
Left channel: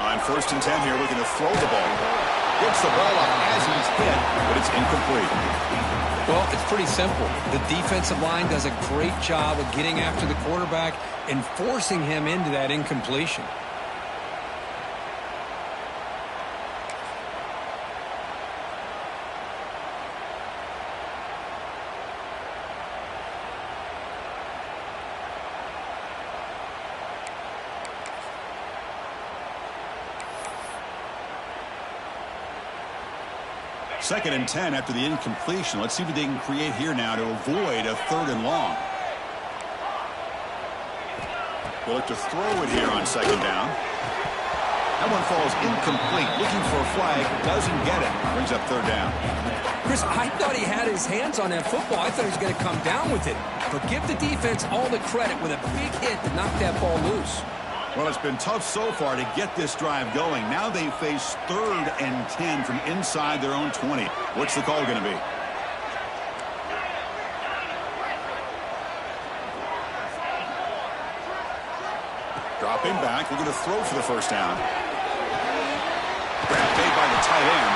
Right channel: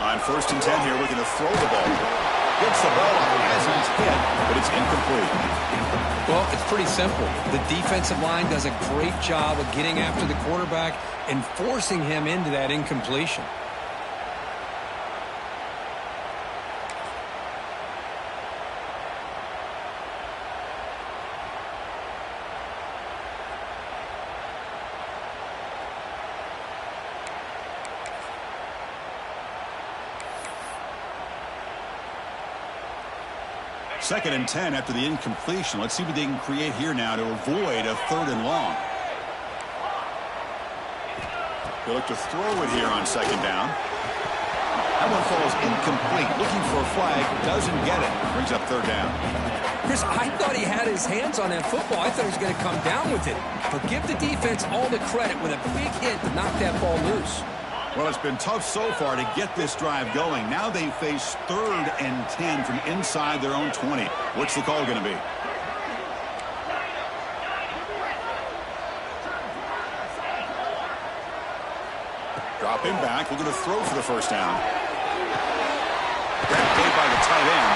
On 1st and 10 here, we're going to throw the ball. Gets the ball up as he's hit, but it's incomplete. Well, it's pretty simple. The defensive line does a great job of getting after the quarterback and forcing him into that incompletion. Second and 10 after the incompletion. Let's see what they can create here now to avoid a 3rd and long. They look to throw it here on 2nd down. That one falls incomplete. Looking for a flag. Doesn't get it. Brings up 3rd down. Chris, I thought he had his hands on that football. I thought he was going to come down with it. But give the defense all the credit with a big hit to knock that ball loose. Well, it's been tough so far to get this drive going. Now they face 3rd and 10 from inside their own 20. What's the call going to be? Dropping back, looking to throw for the 1st down. Grab made by the tight end.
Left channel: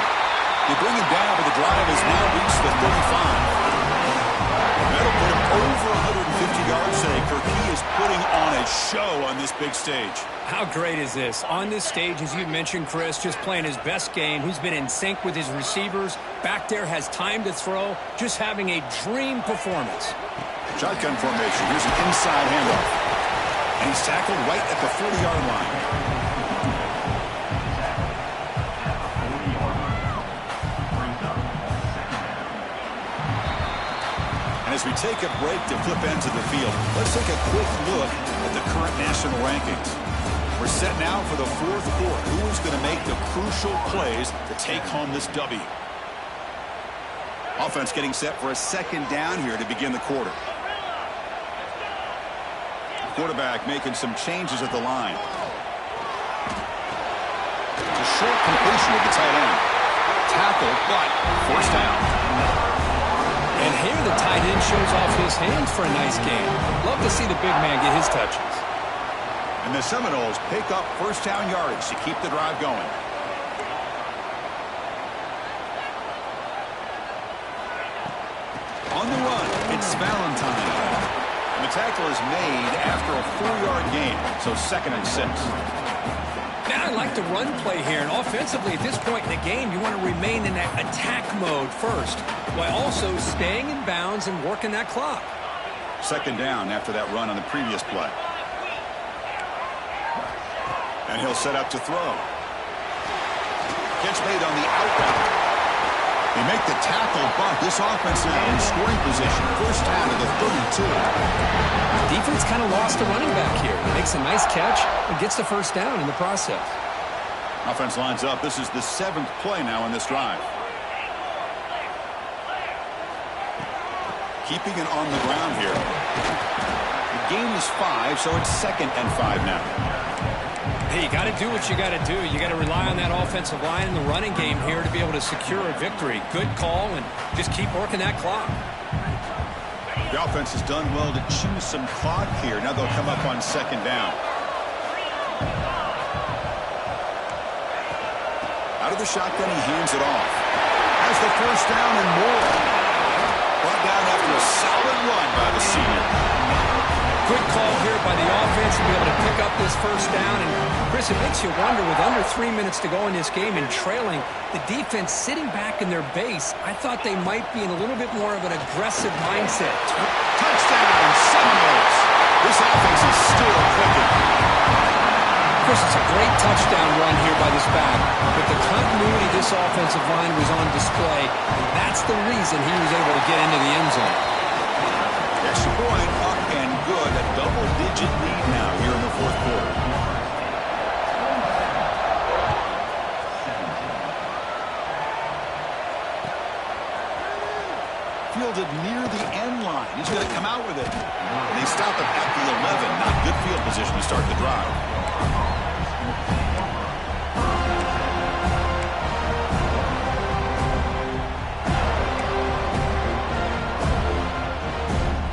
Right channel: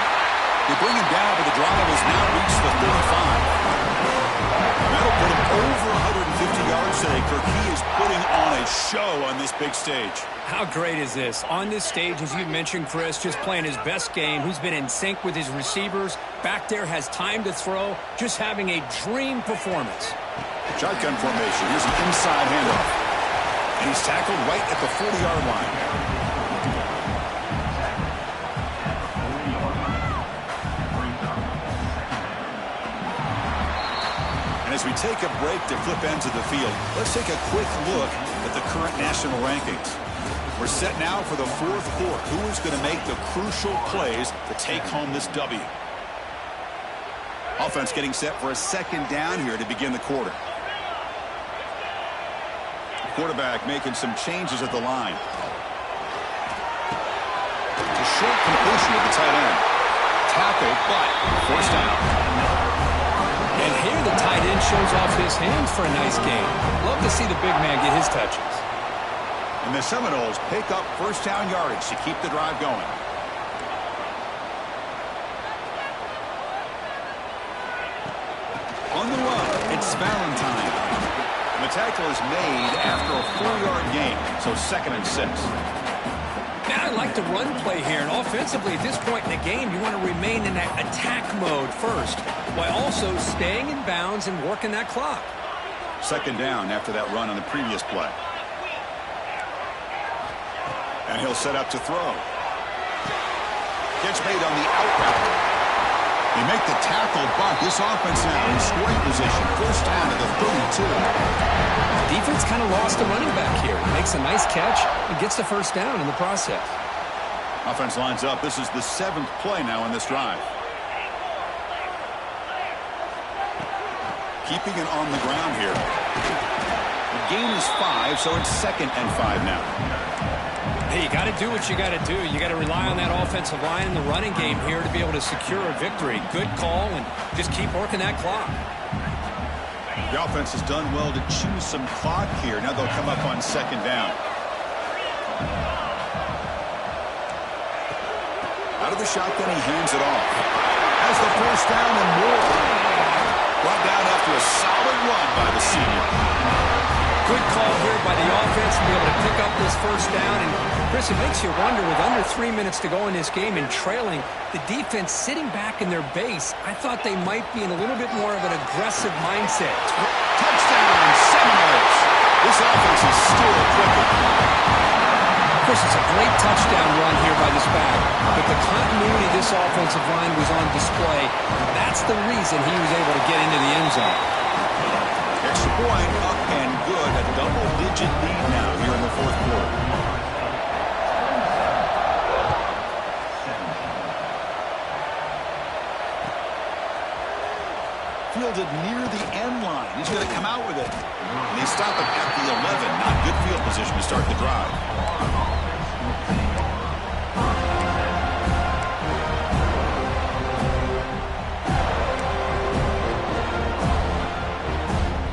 They bring him down, but the drive has now reached the 35. That'll put him over 150 yards today. Kirk, he is putting on a show on this big stage. How great is this? On this stage, as you mentioned, Chris, just playing his best game. He's been in sync with his receivers. Back there, has time to throw. Just having a dream performance. Shotgun formation. Here's an inside handoff. And he's tackled right at the 40-yard line. As we take a break to flip ends of the field, let's take a quick look at the current national rankings. We're set now for the 4th quarter. Who is going to make the crucial plays to take home this W? Offense getting set for a 2nd down here to begin the quarter. Quarterback making some changes at the line. A short completion with the tight end. Tackle, but 1st down. And here the tight end shows off his hands for a nice game. Love to see the big man get his touches. And the Seminoles pick up 1st down yardage to keep the drive going. On the run, it's Valentine. And the tackle is made after a 4-yard gain, so 2nd and 6. Now I like the run play here, and offensively at this point in the game, you want to remain in that attack mode first, while also staying in bounds and working that clock. 2nd down after that run on the previous play. And he'll set up to throw. Catch made on the out route. They make the tackle, but this offense now in scoring position. 1st down to the 32. Defense kind of lost the running back here. Makes a nice catch and gets the 1st down in the process. Offense lines up. This is the 7th play now in this drive. Keeping it on the ground here. The gain is 5, so it's 2nd and 5 now. Hey, you got to do what you got to do. You got to rely on that offensive line in the running game here to be able to secure a victory. Good call, and just keep working that clock. The offense has done well to choose some clock here. Now they'll come up on second down. Out of the shotgun, he hands it off. Has the first down and more. Brought down after a solid run by the senior. Good call here by the offense to be able to pick up this first down. And, Chris, it makes you wonder, with under 3 minutes to go in this game and trailing, the defense sitting back in their base, I thought they might be in a little bit more of an aggressive mindset. Touchdown, Seminoles. This offense is still clicking. Chris, it's a great touchdown run here by this back, but the continuity of this offensive line was on display. That's the reason he was able to get into the end zone. Extra point, up and good. A double-digit lead now here in the fourth quarter. Fielded near the end line. He's going to come out with it. And they stop him at the 11. Not good field position to start the drive.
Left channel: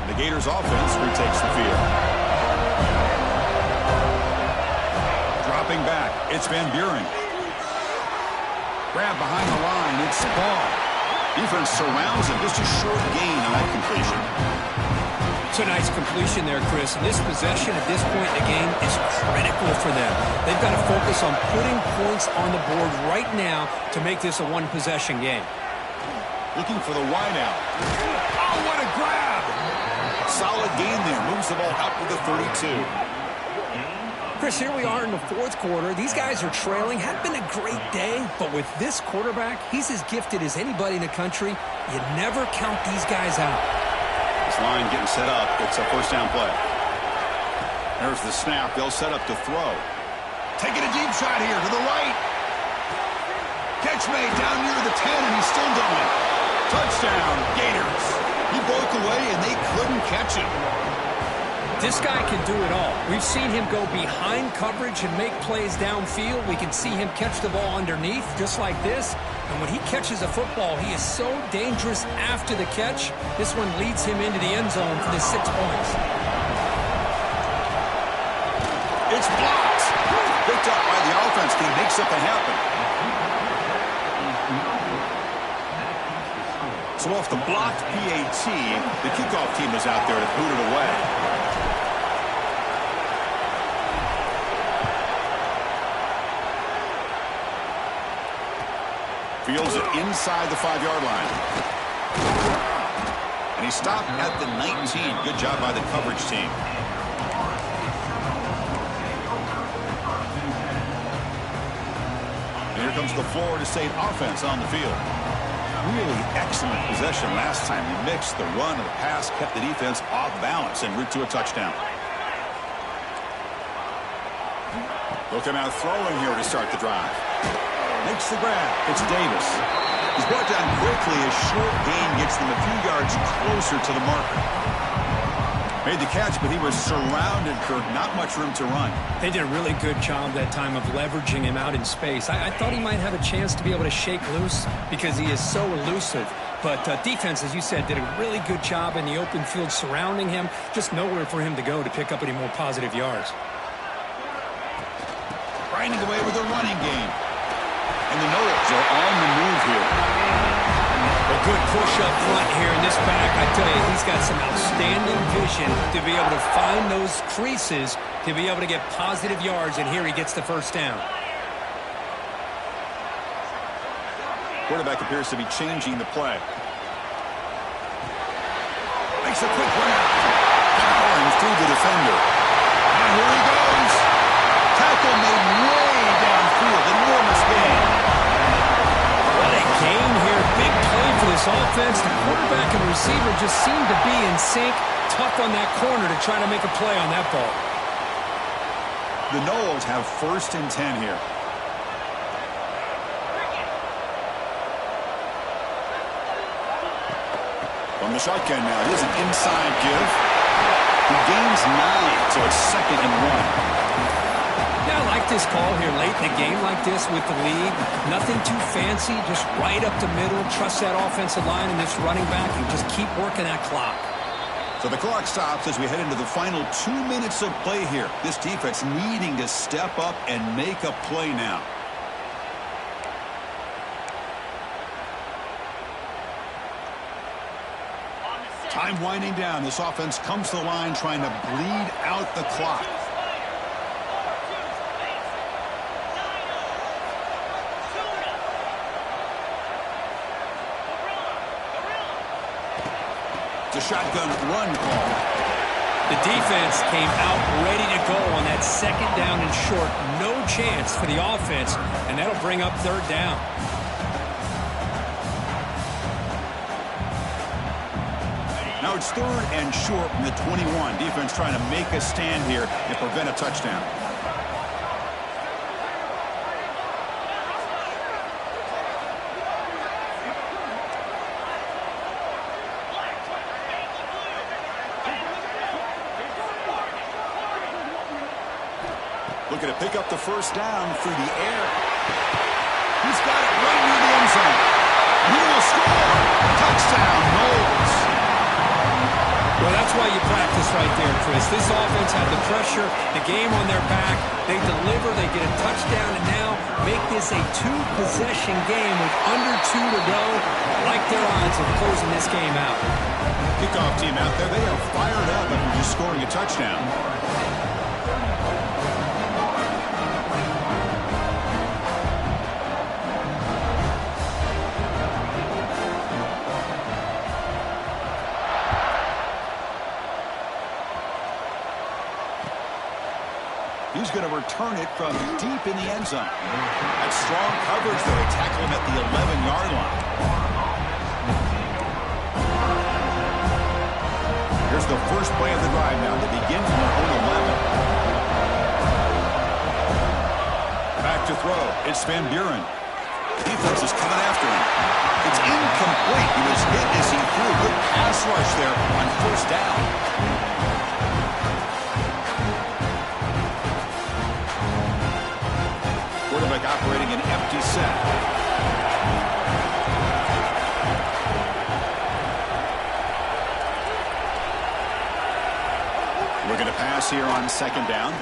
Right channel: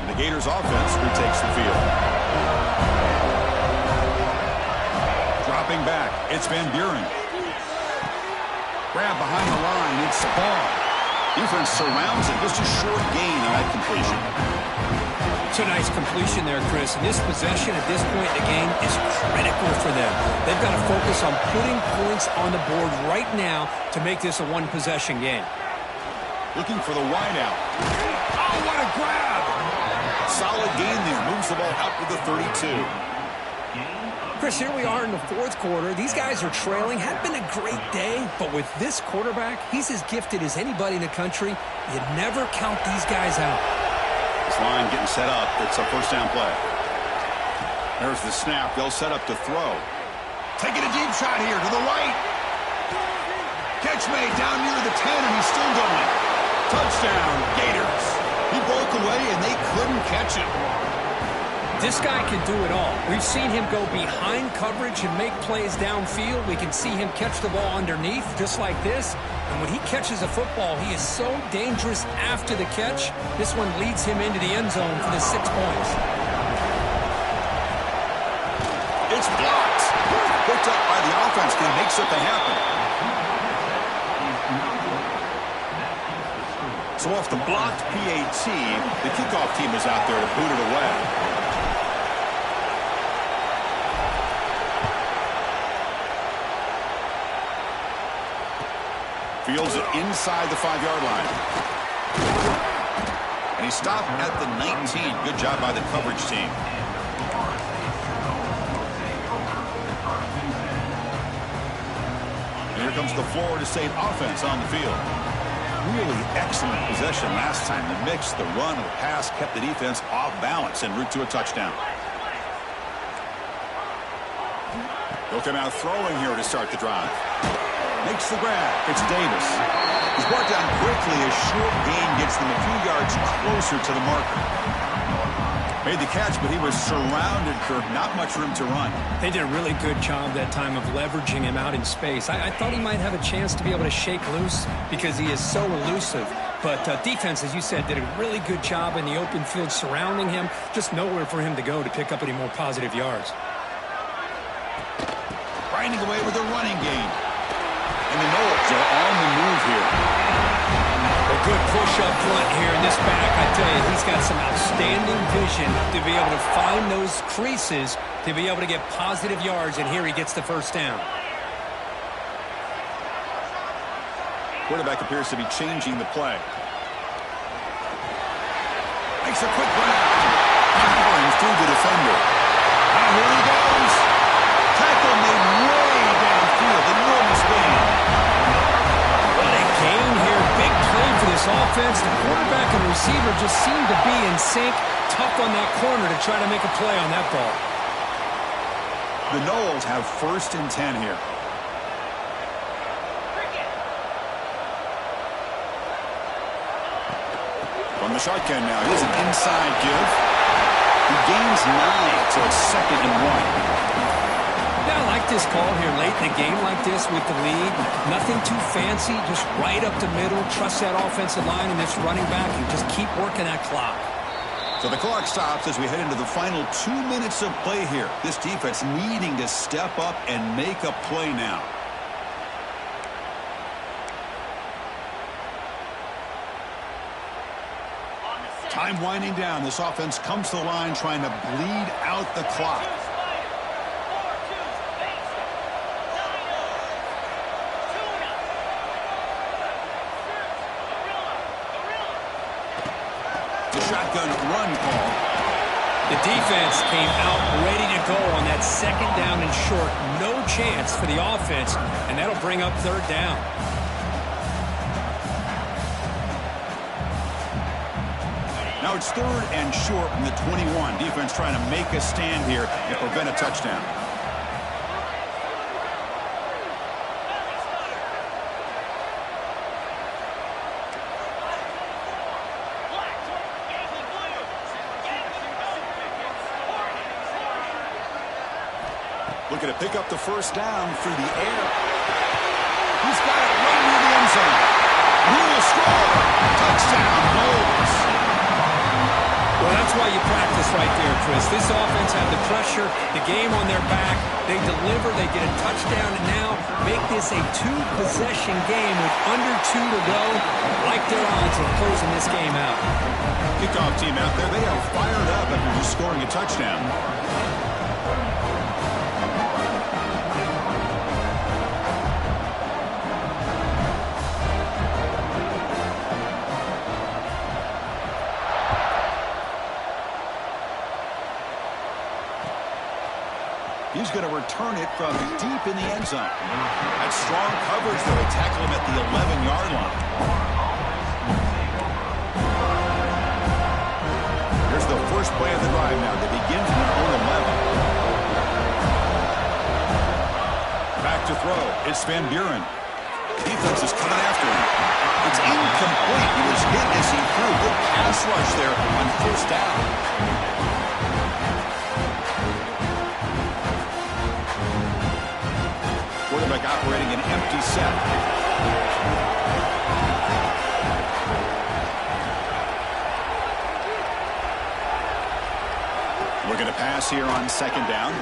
And the Gators offense retakes the field. Dropping back, it's Van Buren. Grab behind the line, it's Ball. Defense surrounds him. Just a short gain on that completion. It's a nice completion there, Chris. And this possession at this point in the game is critical for them. They've got to focus on putting points on the board right now to make this a one-possession game. Looking for the wideout. Oh, what a grab! Solid gain there. Moves the ball out to the 32. Chris, here we are in the fourth quarter. These guys are trailing. Had been a great day, but with this quarterback, he's as gifted as anybody in the country. You never count these guys out. This line getting set up. It's a first down play. There's the snap. They'll set up to throw. Taking a deep shot here to the right. Catch made down near the 10, and he's still going. Touchdown, Gators. He broke away, and they couldn't catch him. This guy can do it all. We've seen him go behind coverage and make plays downfield. We can see him catch the ball underneath, just like this. And when he catches a football, he is so dangerous after the catch. This one leads him into the end zone for the 6 points. It's blocked. Picked up by the offense. Can he make something happen? So off the blocked PAT, the kickoff team is out there to boot it away. Fields it inside the 5-yard line. And he stopped at the 19. Good job by the coverage team. And here comes the Florida State offense on the field. Really excellent possession last time. The mix, the run, and the pass kept the defense off balance en route to a touchdown. They'll come out throwing here to start the drive. Makes the grab. It's Davis. He's brought down quickly. A short gain gets them a few yards closer to the marker. Made the catch, but he was surrounded, Kirk. Not much room to run. They did a really good job that time of leveraging him out in space. I thought he might have a chance to be able to shake loose because he is so elusive. But defense, as you said, did a really good job in the open field surrounding him. Just nowhere for him to go to pick up any more positive yards. Grinding away with a running game. And the Noles are on the move here. A good push up front here in this back. I tell you, he's got some outstanding vision to be able to find those creases, to be able to get positive yards, and here he gets the first down. Quarterback appears to be changing the play. Makes a quick run out. Powering through the defender. Now here he goes. Tackle made way downfield. Enormous gain. What a gain here. Big play for this offense. The quarterback and receiver just seem to be in sync. Tough on that corner to try to make a play on that ball. The Noles have 1st and 10 here. From the shotgun now. Here's an inside give. He gains 9, so it's 2nd and 1. Yeah, I like this call here late in the game like this with the lead. Nothing too fancy, just right up the middle. Trust that offensive line and this running back and just keep working that clock. So the clock stops as we head into the final 2 minutes of play here. This defense needing to step up and make a play now. Time winding down. This offense comes to the line trying to bleed out the clock. The shotgun run call. The defense came out ready to go on that second down and short. No chance for the offense, and that'll bring up third down. Now it's third and short from the 21. Defense trying to make a stand here and prevent a touchdown. Looking to pick up the first down through the air. He's got it right near the end zone. And he will score. Touchdown, Knowles. Well, that's why you practice right there, Chris. This offense had the pressure, the game on their back. They deliver, they get a touchdown, and now make this a two-possession game with under 2 to go. Like their odds of closing this game out. Kickoff team out there, they are fired up after just scoring a touchdown. He's going to return it from deep in the end zone. That's strong coverage, though. They tackle him at the 11-yard line. Here's the first play of the drive now. They begin from their own 11. Back to throw. It's Van Buren. Defense is coming after him. It's incomplete. He was hit as he threw. Good pass rush there on first down. Quarterback operating an empty set. Looking to pass here on second down.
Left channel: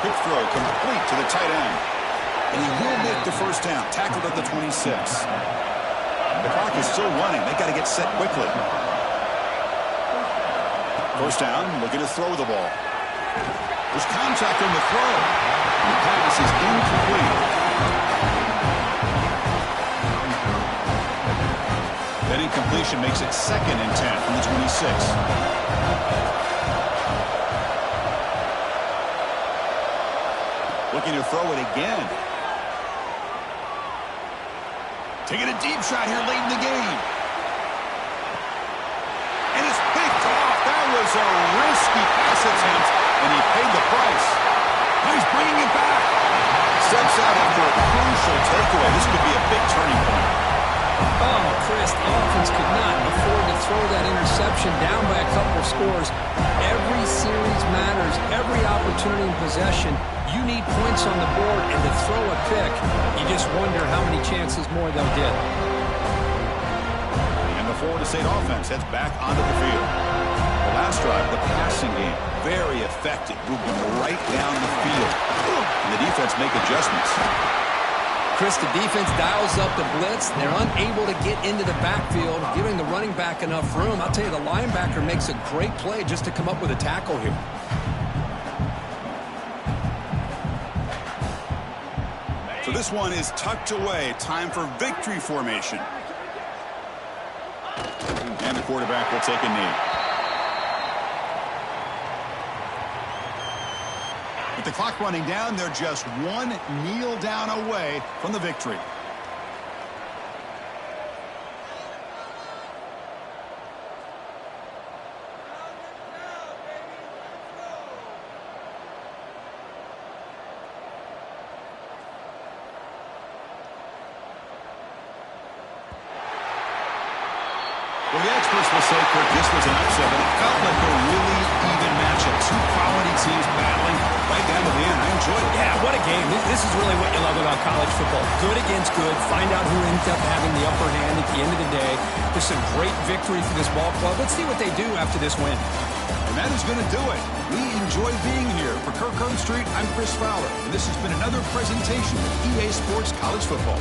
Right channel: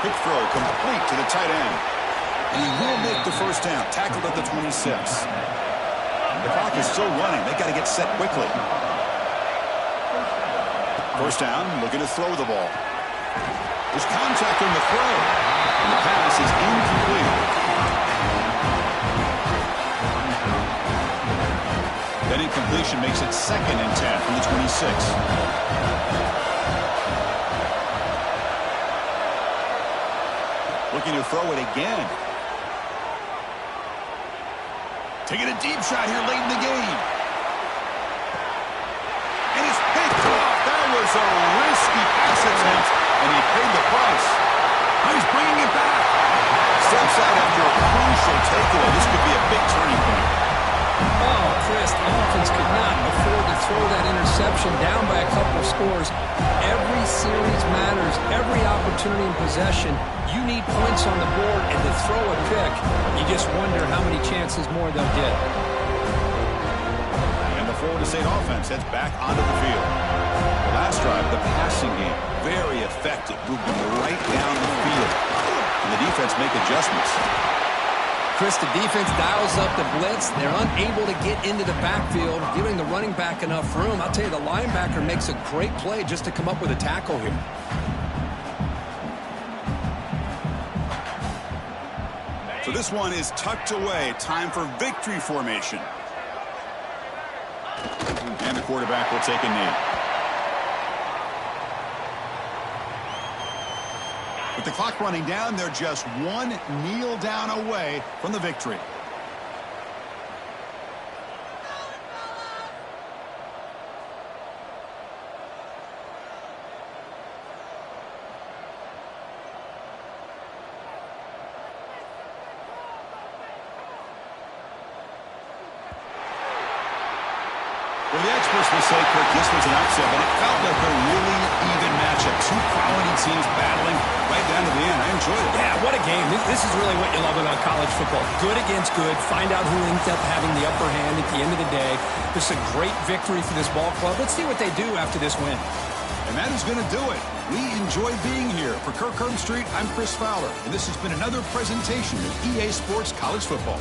Quick throw complete to the tight end. And he will make the first down. Tackled at the 26. The clock is still running. They've got to get set quickly. First down, looking to throw the ball. There's contact on the throw. And the pass is incomplete. That incompletion makes it 2nd and 10 from the 26. Looking to throw it again. Taking a deep shot here late in the game. And it's picked off. That was a risky pass attempt, and he paid the price. He's bringing it back. Steps out after a crucial takeaway. This could be a big turning point. Oh, Chris, the offense could not afford to throw that interception down by a couple of scores. Every series matters. Every opportunity in possession. You need points on the board, and to throw a pick, you just wonder how many chances more they'll get. And the Florida State offense heads back onto the field. The last drive, the passing game, very effective. Moved them right down the field. And the defense make adjustments. Chris, the defense dials up the blitz. They're unable to get into the backfield, giving the running back enough room. I'll tell you, the linebacker makes a great play just to come up with a tackle here. So this one is tucked away. Time for victory formation. And the quarterback will take a knee. With the clock running down, they're just one kneel down away from the victory. Well, the experts will say, Kirk, this was an upset, but it felt like a really even matchup. Two quality teams battling right down to the end. I enjoyed it. Yeah, what a game. This is really what you love about college football. Good against good. Find out who ends up having the upper hand at the end of the day. This is a great victory for this ball club. Let's see what they do after this win. And that is going to do it. We enjoy being here. For Kirk Street, I'm Chris Fowler, and this has been another presentation of EA Sports College Football.